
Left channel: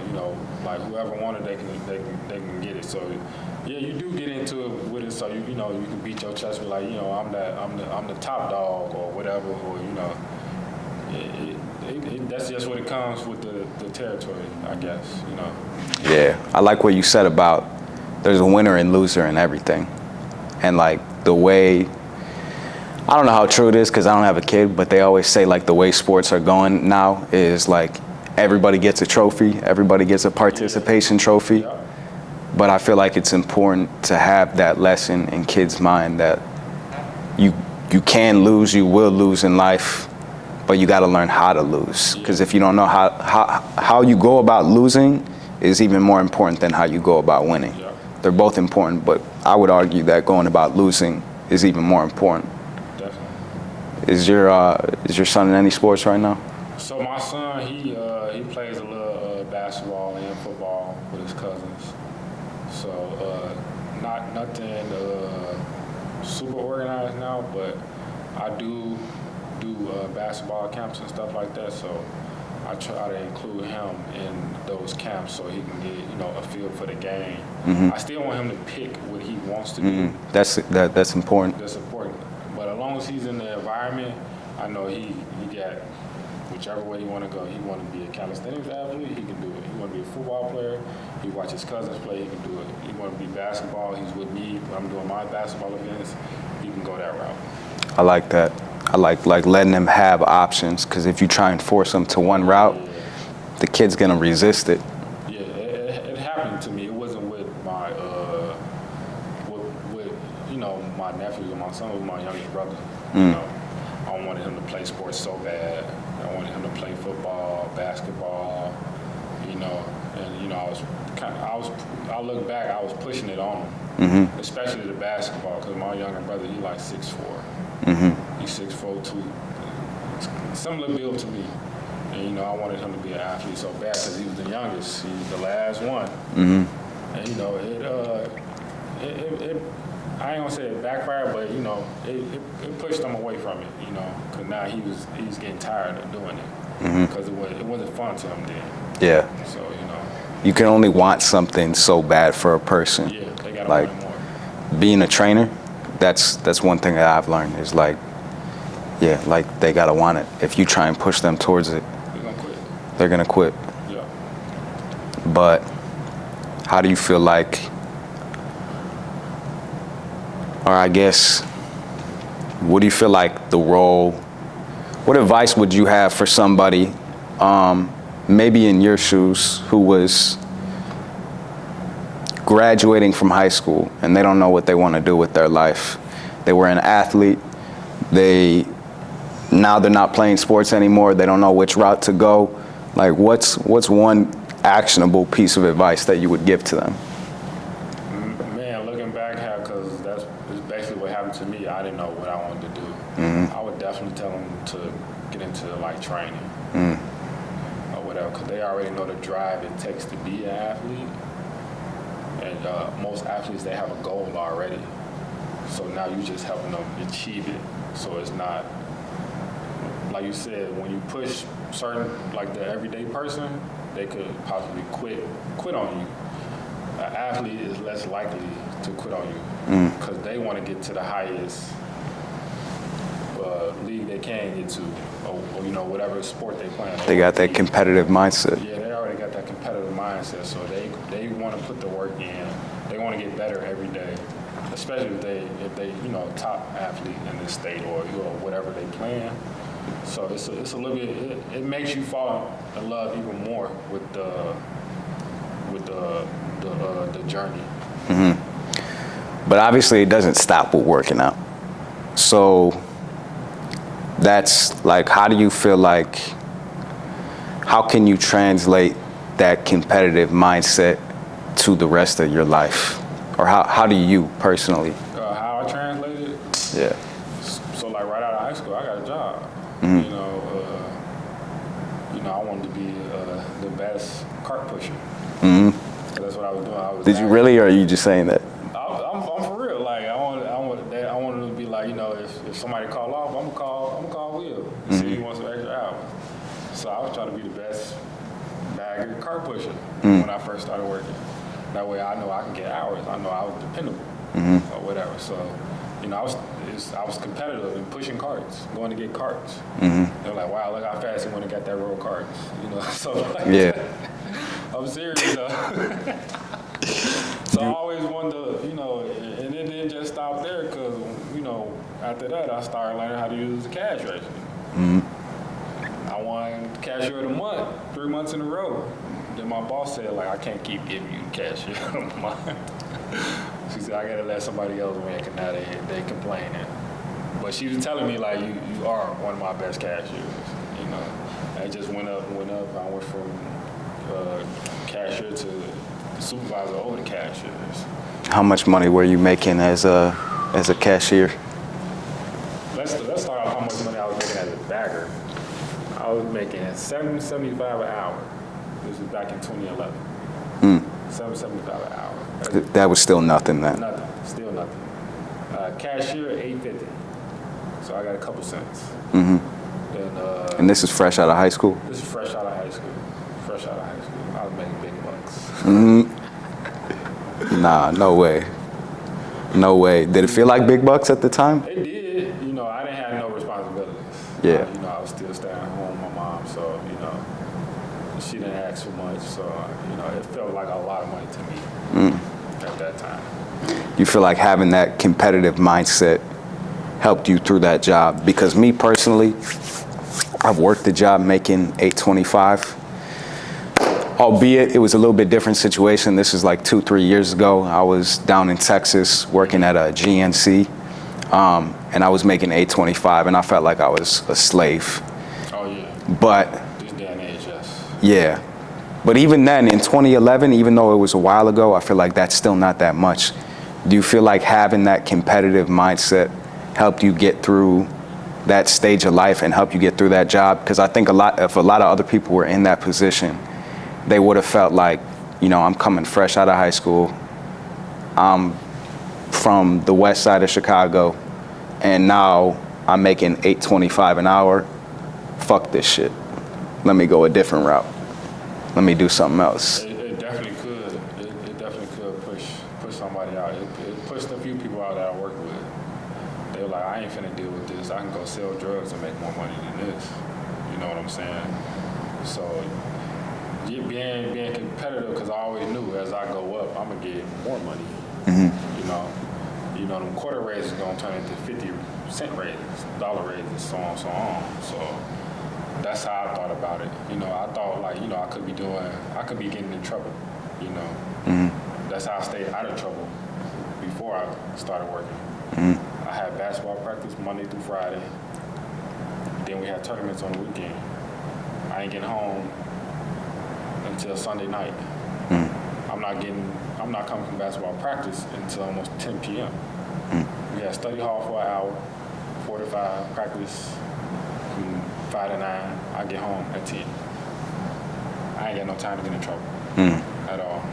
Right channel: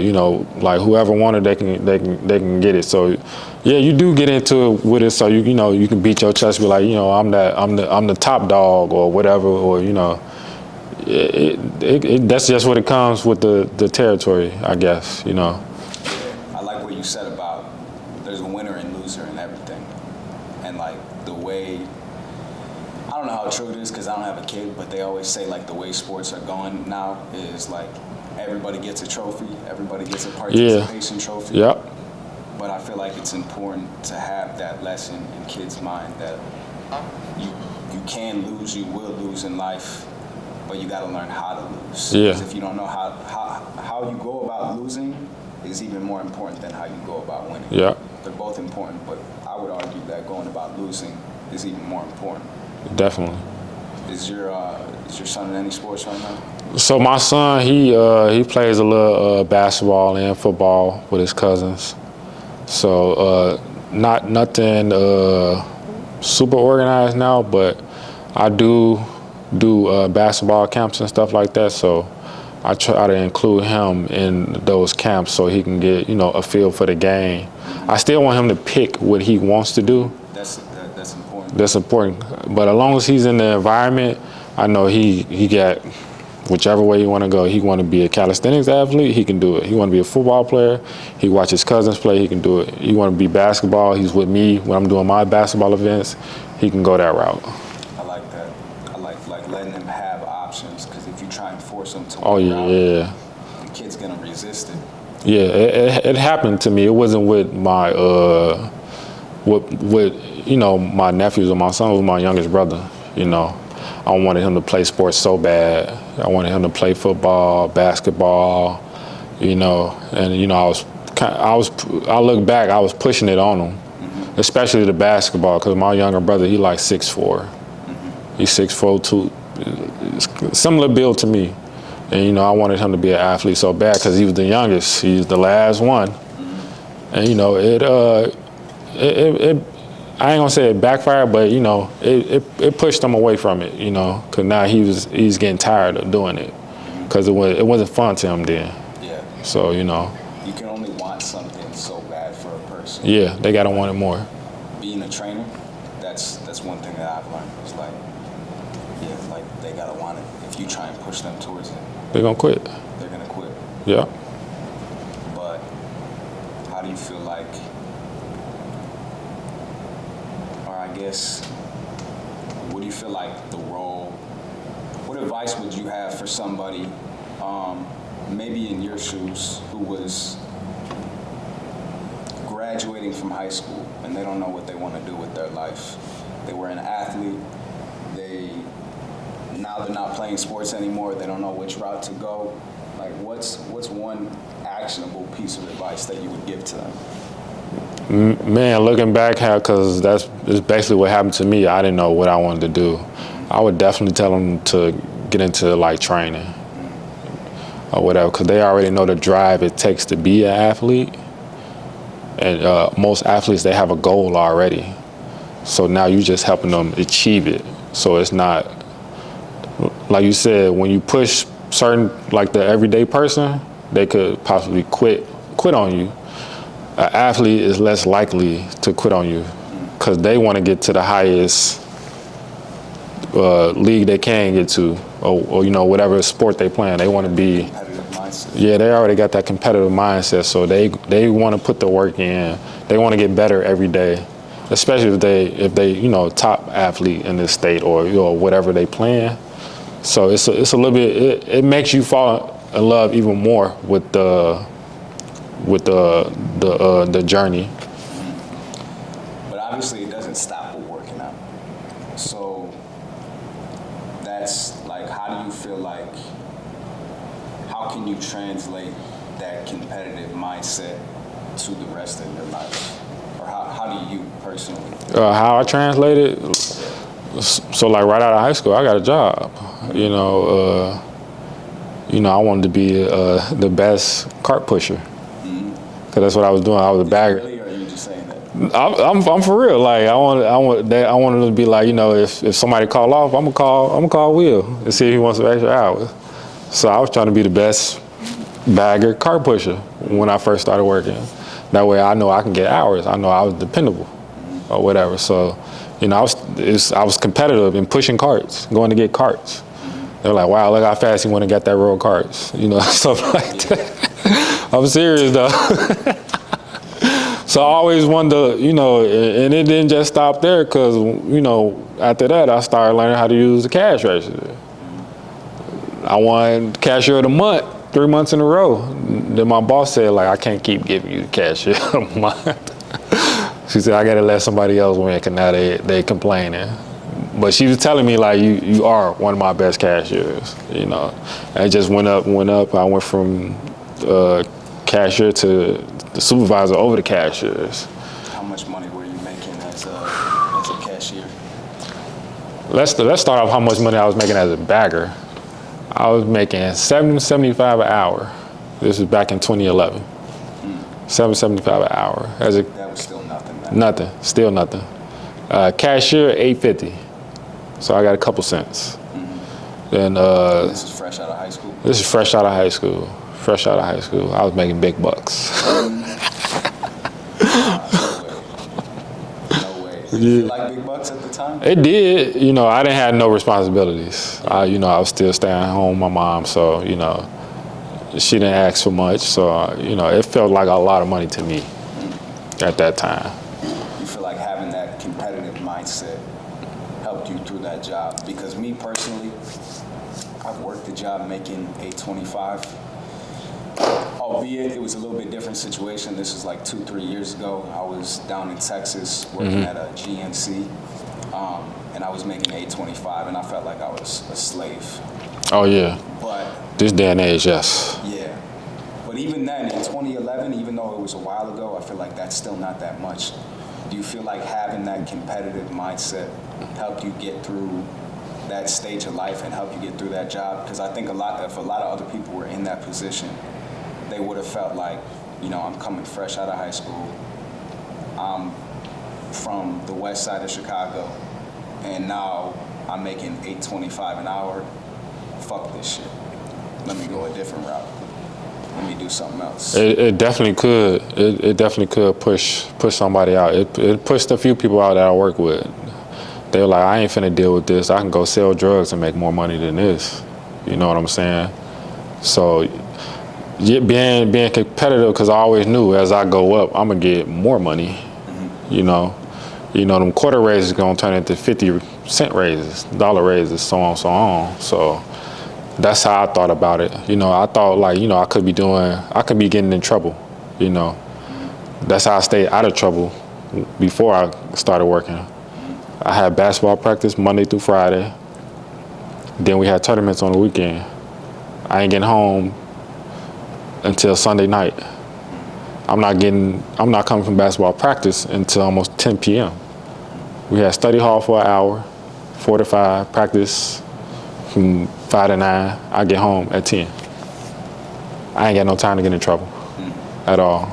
you know like whoever wanted they can get it. So yeah, you do get into it with it, so you know you can beat your chest, be like, you know I'm the top dog or whatever, or you know. That's just what it comes with the territory, I guess, you know. Yeah, I like what you said about there's a winner and loser in everything. And like the way, I don't know how true it is because I don't have a kid, but they always say like the way sports are going now is like everybody gets a trophy, everybody gets a participation trophy. Yep. But I feel like it's important to have that lesson in kids' mind that you can lose, you will lose in life, but you got to learn how to lose. Because if you don't know how you go about losing is even more important than how you go about winning. Yeah. They're both important, but I would argue that going about losing is even more important. Definitely. Is your son in any sports right now? So my son, he plays a little basketball and football with his cousins. So nothing super organized now, but I do basketball camps and stuff like that, so I try to include him in those camps so he can get, you know, a feel for the game. Mm-hmm. I still want him to pick what he wants to do. That's important. That's important. But as long as he's in the environment, I know he got whichever way he want to go. He want to be a calisthenics athlete, he can do it. He want to be a football player, he watch his cousins play, he can do it. He want to be basketball, he's with me when I'm doing my basketball events, he can go that route. I like that. I like letting them have options, because if you try and force them to one route, the kid's gonna resist it. Yeah, it happened to me. It wasn't with my with you know my nephews or my son. It was my youngest brother. You know, I wanted him to play sports so bad. I wanted him to play football, basketball. You know, and you know I look back, I was pushing it on him, especially the basketball, because my younger brother, he like 6'4". He's 6'4", too, similar build to me, and you know I wanted him to be an athlete so bad because he was the youngest. He's the last one, and you know it I ain't gonna say it backfired, but you know it pushed him away from it. You know, because now he's getting tired of doing it because it wasn't fun to him then. Yeah. So you know, you can only want something so bad for a person. Yeah, they gotta want it more. Being a trainer. That's one thing that I've learned is like they gotta want it. If you try and push them towards it, they're gonna quit. They're gonna quit. Yeah. But how do you feel like, or I guess, what do you feel like the role, what advice would you have for somebody, maybe in your shoes, who was graduating from high school and they don't know what they want to do with their life? They were an athlete. Now they're not playing sports anymore. They don't know which route to go. Like, what's one actionable piece of advice that you would give to them? Man, looking back, because that's basically what happened to me. I didn't know what I wanted to do. I would definitely tell them to get into like training or whatever, because they already know the drive it takes to be an athlete. And most athletes, they have a goal already. So now you're just helping them achieve it. So it's not, like you said, when you push certain, like the everyday person, they could possibly quit on you. An athlete is less likely to quit on you because they want to get to the highest league they can get to, or whatever sport they playing. They got that competitive mindset. Yeah, they already got that competitive mindset, so they want to put the work in. They want to get better every day, especially if they top athlete in this state or whatever they playing. So it's a little bit. It makes you fall in love even more with the journey. Mm-hmm. But obviously, it doesn't stop with working out. So that's like, how do you feel like? How can you translate that competitive mindset to the rest of your life, or how do you personally? How I translate it? Yeah. So like right out of high school, I got a job. Mm-hmm. I wanted to be the best cart pusher. Mm-hmm. Cause that's what I was doing. I was a bagger. Did you really, or are you just saying that? I'm for real. Like I wanted to be like, if somebody call off, I'm gonna call Will and see if he wants some extra hours. So I was trying to be the best bagger cart pusher when I first started working. That way I know I can get hours. I know I was dependable or whatever. So, I was competitive in pushing carts, going to get carts. Mm-hmm. They're like, wow, look how fast you went and got that row of carts. Stuff like that. I'm serious though. So I always wanted to, and it didn't just stop there because, after that I started learning how to use the cash register. Mm-hmm. I won cashier of the month 3 months in a row. Then my boss said, like, I can't keep giving you the cashier of the month. She said, I gotta let somebody else win because now they complaining. But she was telling me, like, you are one of my best cashiers, And it just went up. I went from cashier to the supervisor over the cashiers. How much money were you making as a cashier? Let's start off how much money I was making as a bagger. I was making $7.75 an hour. This was back in 2011. $7.75 an hour. That was still nothing then. Nothing, still nothing. Cashier $8.50. So I got a couple cents. Mm-hmm. Then and this is fresh out of high school? This is fresh out of high school. Fresh out of high school. I was making big bucks. Nah, no way. No way. Did it feel like big bucks at the time? It did. I didn't have no responsibilities. Yeah. I was still staying home with my mom, so, she didn't ask for much. So, it felt like a lot of money to me at that time. You feel like having that competitive mindset helped you through that job? Because me personally, I've worked the job making $8.25. Albeit it was a little bit different situation. This is like 2-3 years ago. I was down in Texas working at a GNC, and I was making $8.25, and I felt like I was a slave. Oh yeah. But this day and age, yes. Yeah. But even then, in 2011, even though it was a while ago, I feel like that's still not that much. Do you feel like having that competitive mindset helped you get through that stage of life and help you get through that job? Because I think if a lot of other people were in that position, they would have felt like, I'm coming fresh out of high school. I'm from the west side of Chicago, and now I'm making $8.25 an hour. Fuck this shit. Let me go a different route. Let me do something else. It definitely could. It definitely could push somebody out. It pushed a few people out that I work with. They were like, I ain't finna deal with this. I can go sell drugs and make more money than this. You know what I'm saying? So being competitive, because I always knew as I go up, I'm gonna get more money. Mm-hmm. Them quarter raises gonna turn into 50-cent raises, dollar raises, so on. So that's how I thought about it. I thought like, I could be getting in trouble. Mm-hmm. That's how I stayed out of trouble before I started working. Mm-hmm. I had basketball practice Monday through Friday. Then we had tournaments on the weekend. I ain't getting home until Sunday night. I'm not coming from basketball practice until almost 10 p.m. We had study hall for an hour, 4 to 5, practice from 5 to 9. I get home at 10. I ain't got no time to get in trouble at all.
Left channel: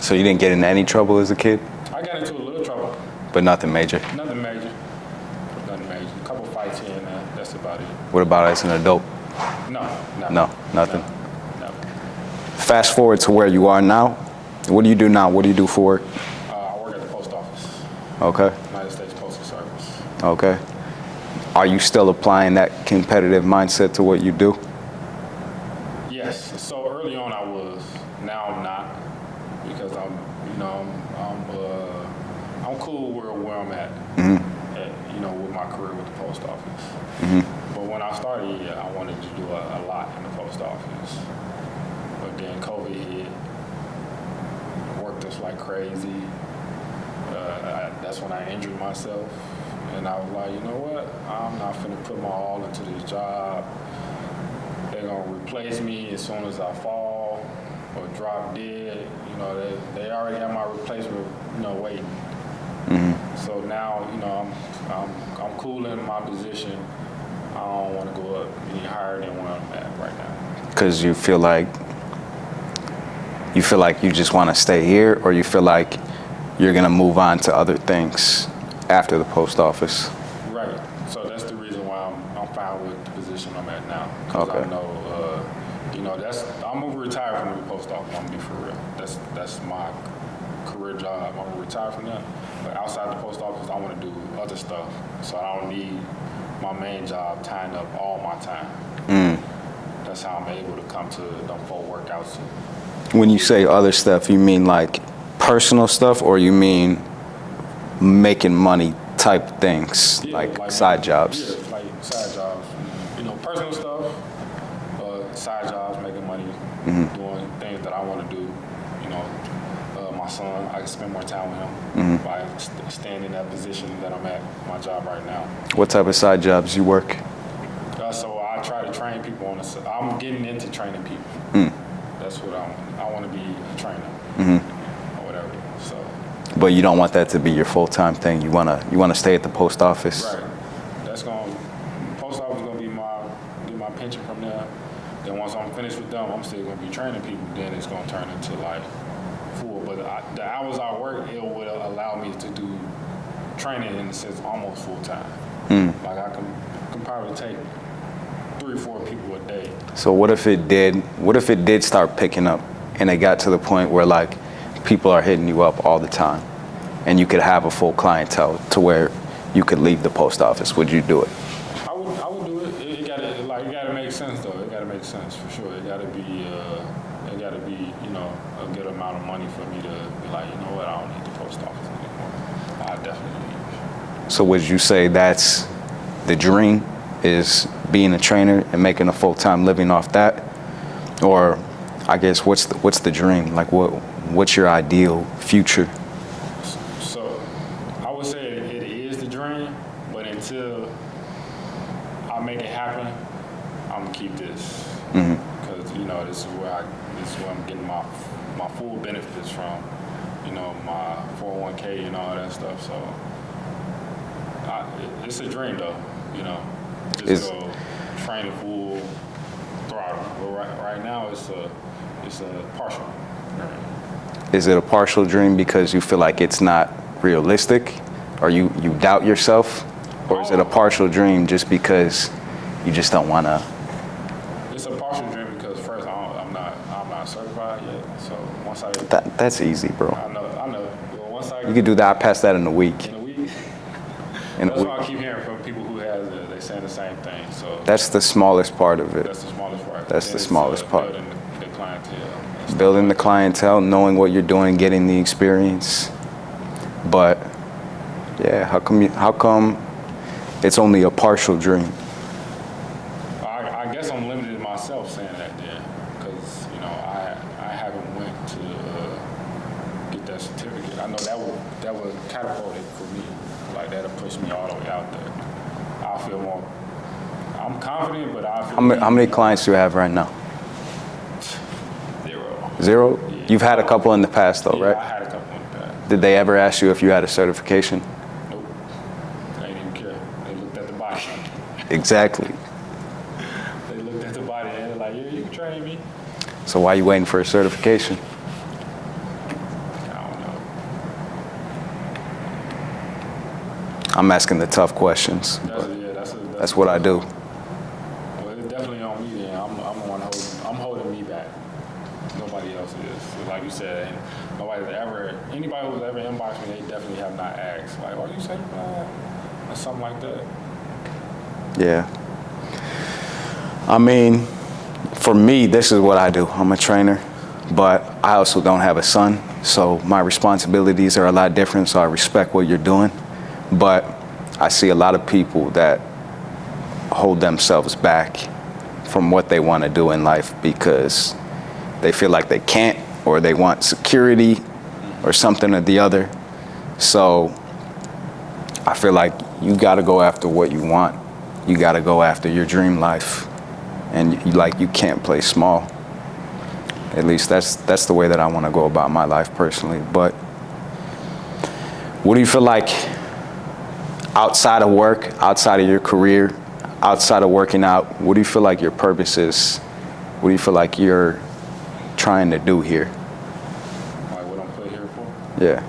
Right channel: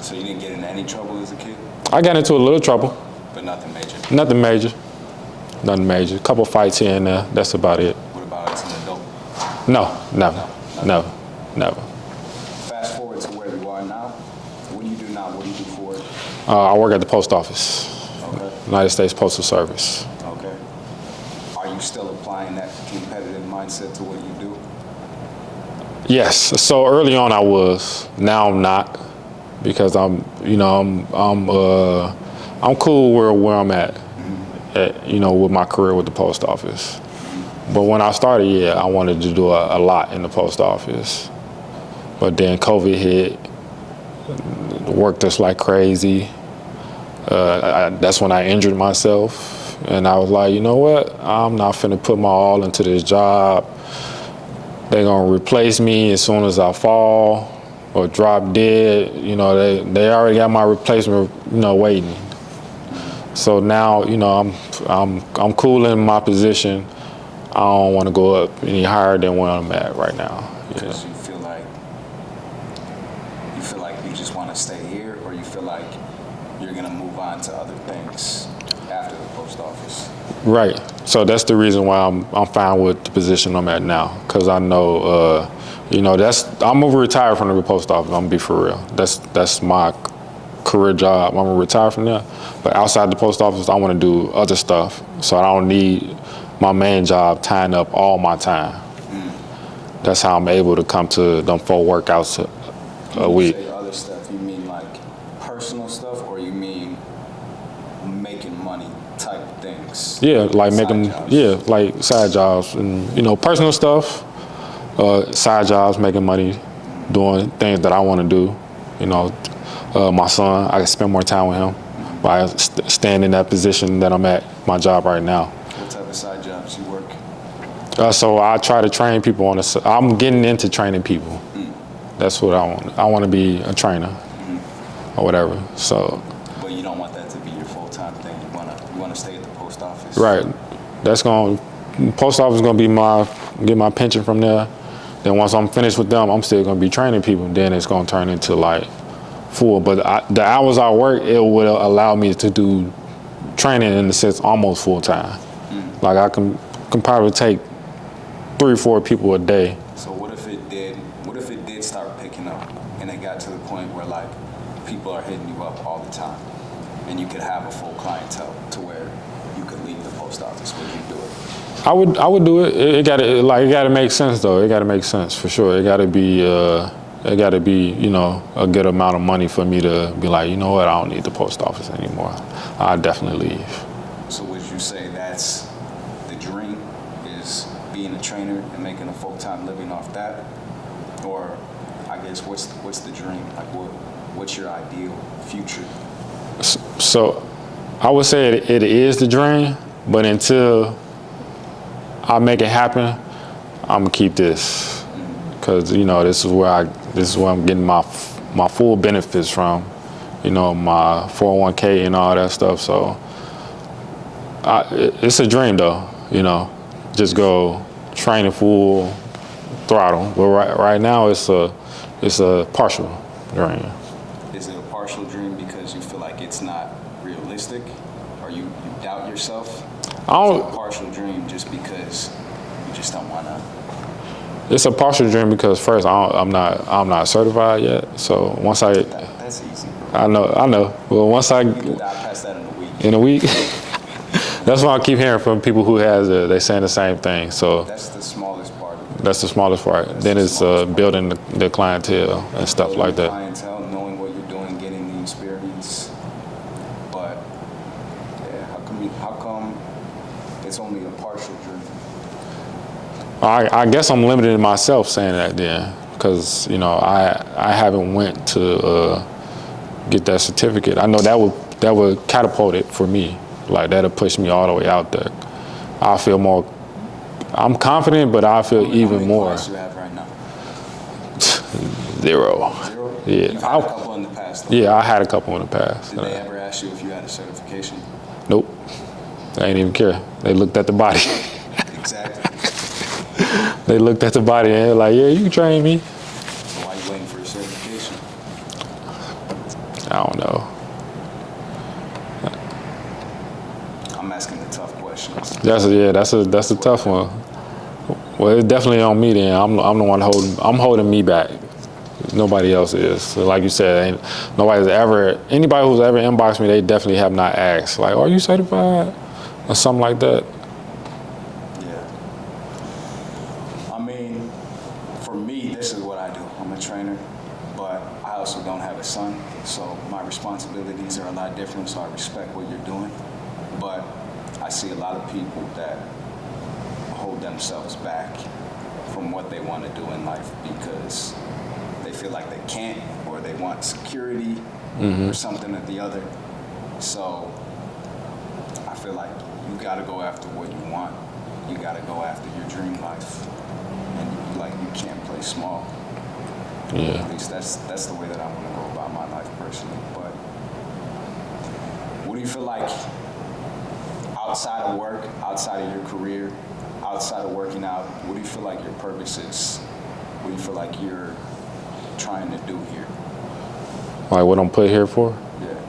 So you didn't get into any trouble as a kid? I got into a little trouble. But nothing major? Nothing major. A couple fights here and there. That's about it. What about as an adult? No. Fast forward to where you are now. What do you do now? What do you do for work? I work at the post office. Okay. United States Postal Service. Okay. Are you still applying that competitive mindset to what you do? Yes. So early on I was. Now I'm not, because I'm cool where I'm at, with my career with the post office. But when I started, I wanted to do a lot in the post office. But then COVID hit, worked us like crazy. That's when I injured myself, and I was like, you know what? I'm not finna put my all into this job. They're gonna replace me as soon as I fall or drop dead. They already got my replacement, waiting. So now, I'm cool in my position. I don't want to go up any higher than where I'm at right now. Because you feel like you just want to stay here, or you feel like you're gonna move on to other things after the post office? Right. So that's the reason why I'm fine with the position I'm at now, because I know, I'm gonna retire from the post office. I'm gonna be for real. That's my career job. I'm gonna retire from there. But outside the post office, I want to do other stuff. So I don't need my main job tying up all my time. That's how I'm able to come to them 4 workouts a When you week. say other stuff, you mean like personal stuff, or you mean making money type things? Yeah, like side making, jobs. Yeah, like side jobs and personal stuff, side jobs, making money, doing things that I want to do. My son, I can spend more time with him by staying in that position that I'm at, my job right now. What type of side jobs you work? So I try to train people I'm getting into training people. That's what I want. I want to be a trainer or whatever. So. But you don't want that to be your full-time thing. You wanna stay at the post office. Right. Post office is gonna get my pension from there. Then once I'm finished with them, I'm still gonna be training people. Then it's gonna turn into like full. But the hours I work, it will allow me to do training in the sense almost full time. Like I can probably take 3 or 4 people a day. So what if it did start picking up, and it got to the point where like people are hitting you up all the time, and you could have a full clientele to where you could leave the post office? Would you do it? I would do it. It gotta make sense though. It gotta make sense for sure. It gotta be a good amount of money for me to be like, you know what, I don't need the post office anymore. I'll definitely leave. So would you say that's the dream, is being a trainer and making a full-time living off that? Or I guess what's the dream? Like what's your ideal future? So I would say it is the dream, but until I make it happen, I'm gonna keep this. Because this is where I'm getting my full benefits from, my 401k and all that stuff. So it's a dream though, just go training full throttle. But right now it's a partial dream. Is it a partial dream because you feel like it's not realistic, or you doubt yourself? Or is it a partial dream just because you just don't want to? It's a partial dream because first I'm not certified yet. So once that's easy, bro. I know. Well, once you can do that, I pass that in a week. In a week. That's what I keep hearing from people who they saying the same thing. So that's the smallest part of it. That's the smallest part. Then it's building the clientele and stuff building like the that. clientele, knowing what you're doing, getting the experience. But yeah, how come it's only a partial dream? I guess I'm limiting myself saying that then, because I haven't went to get that certificate. I know that would catapult it for me. Like that'll push me all the way out there. I feel more. I'm confident, but I feel even more. How many clients do you have right now? 0. 0? Yeah. You've had a couple in the past, though. Yeah, right? I had a couple in the past. Did they ever ask you if you had a certification? Nope. They didn't even care. They looked at the body. Exactly. They looked at the body and they're like, yeah, you can train me. So why are you waiting for a certification? I don't know. I'm asking the tough questions. That's a tough one. Well, it's definitely on me then. I'm the one holding me back. Nobody else is. So like you said, anybody who's ever inboxed me, they definitely have not asked, like, are you certified? Or something like that. Yeah. I mean, for me, this is what I do. I'm a trainer, but I also don't have a son, so my responsibilities are a lot different, so I respect what you're doing. But I see a lot of people that hold themselves back from what they want to do in life because they feel like they can't, or they want security or something or the other. So I feel like you got to go after what you want. You got to go after your dream life. And you can't play small. Yeah. At least that's the way that I want to go about my life personally. But what do you feel like outside of work, outside of your career, outside of working out, what do you feel like your purpose is? What do you feel like you're trying to do here? Like what I'm put here for? Yeah.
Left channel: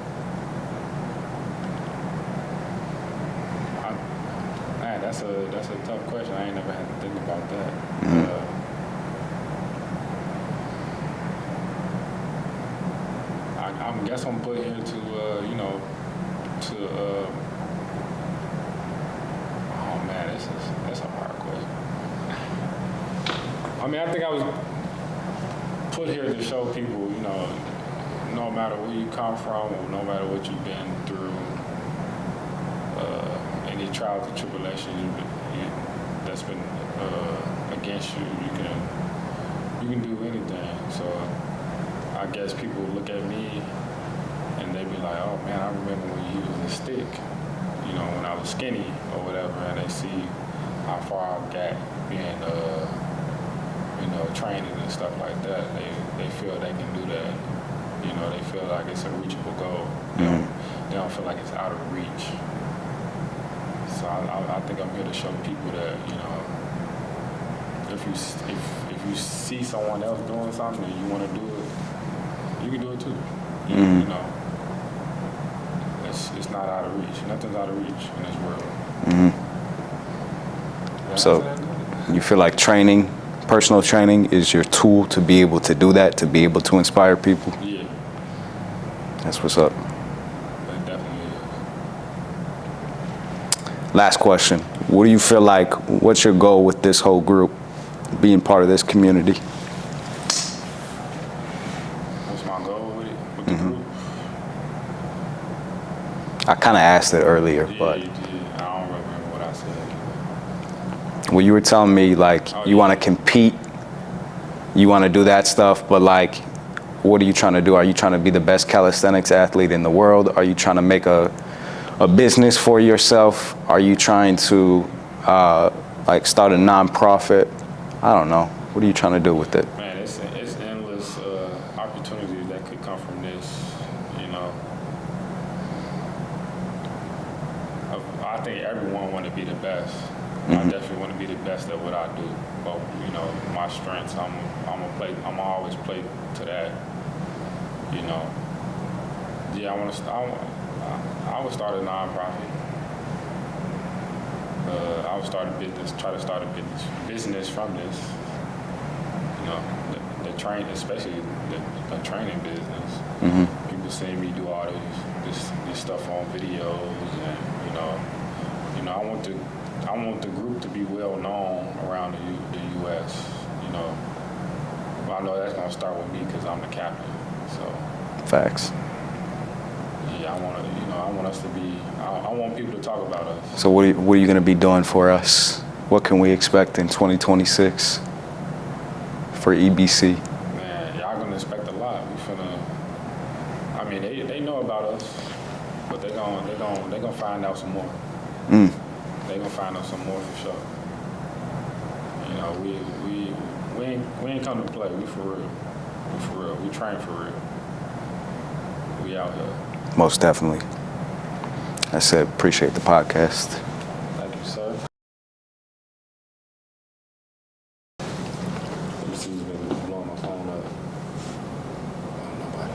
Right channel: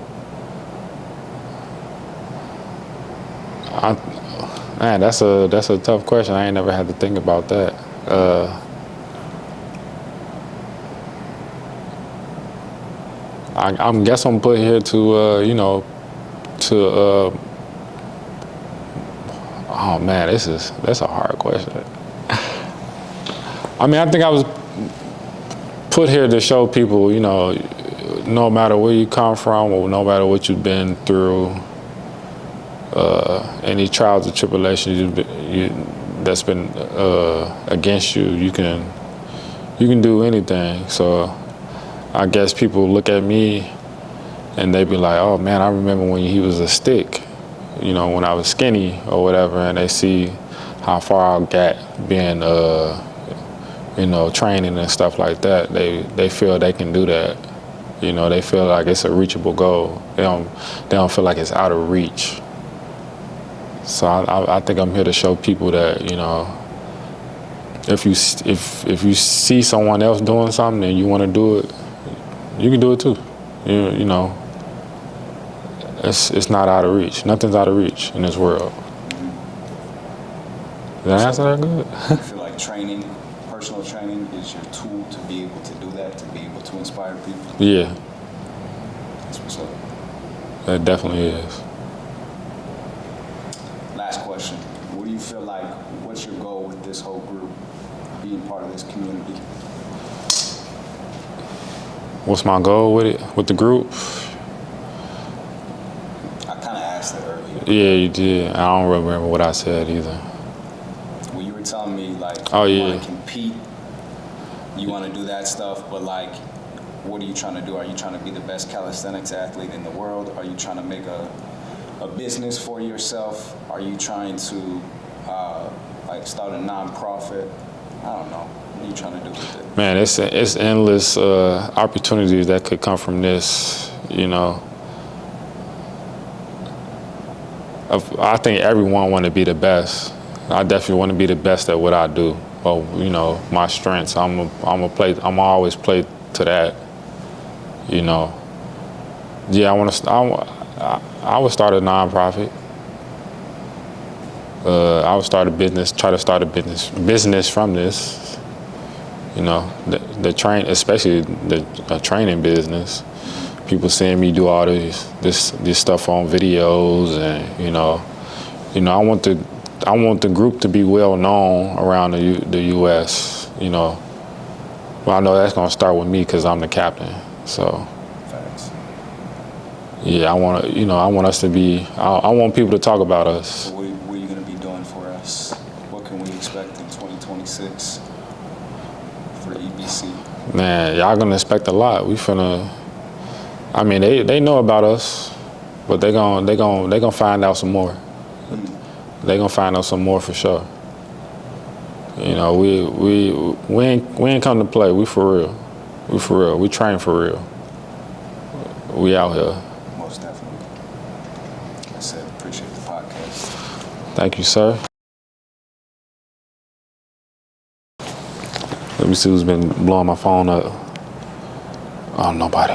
Man, that's a tough question. I ain't never had to think about that. I guess I'm put here to oh man, that's a hard question. I mean, I think I was put here to show people, no matter where you come from or no matter what you've been through, any trials or tribulations that's been against you, you can do anything. So I guess people look at me and they be like, oh man, I remember when he was a stick, when I was skinny or whatever, and they see how far I got being, training and stuff like that. They feel they can do that. They feel like it's a reachable goal. They don't feel like it's out of reach. So I think I'm here to show people that, if you see someone else doing something and you want to do it, you can do it too. It's not out of reach. Nothing's out of reach in this world. Did I answer that good? You feel like personal training is your tool to be able to do that, to be able to inspire people? Yeah. That's what's up. That definitely is. Last question. What do you feel like, what's your goal with this whole group, being part of this community? What's my goal with it, with the group? I kind of asked it earlier. Yeah, you did. I don't remember what I said either. Well, you were telling me, you want to compete, you want to do that stuff, but, what are you trying to do? Are you trying to be the best calisthenics athlete in the world? Are you trying to make a business for yourself? Are you trying to start a nonprofit? I don't know. What are you trying to do with it? Man, it's endless opportunities that could come from this. I think everyone want to be the best. I definitely want to be the best at what I do. Well, my strengths. I'm always play to that. Yeah, I would start a nonprofit. I would start a business, try to start a business from this. Especially the training business. People seeing me do all this stuff on videos, and I want the group to be well known around the U.S. Well, I know that's gonna start with me because I'm the captain. So. Facts. Yeah, I want us to be. I want people to talk about us. So what are you gonna be doing for us? What can we expect in 2026 for EBC? Man, y'all gonna expect a lot. We finna. I mean, they know about us, but they gonna find out some more. They gonna find out some more for sure. We ain't come to play. We for real. We for real. We train for real. We out here. Most definitely. I said, appreciate the podcast. Thank you, sir. Let me see who's been blowing my phone up. Oh, nobody.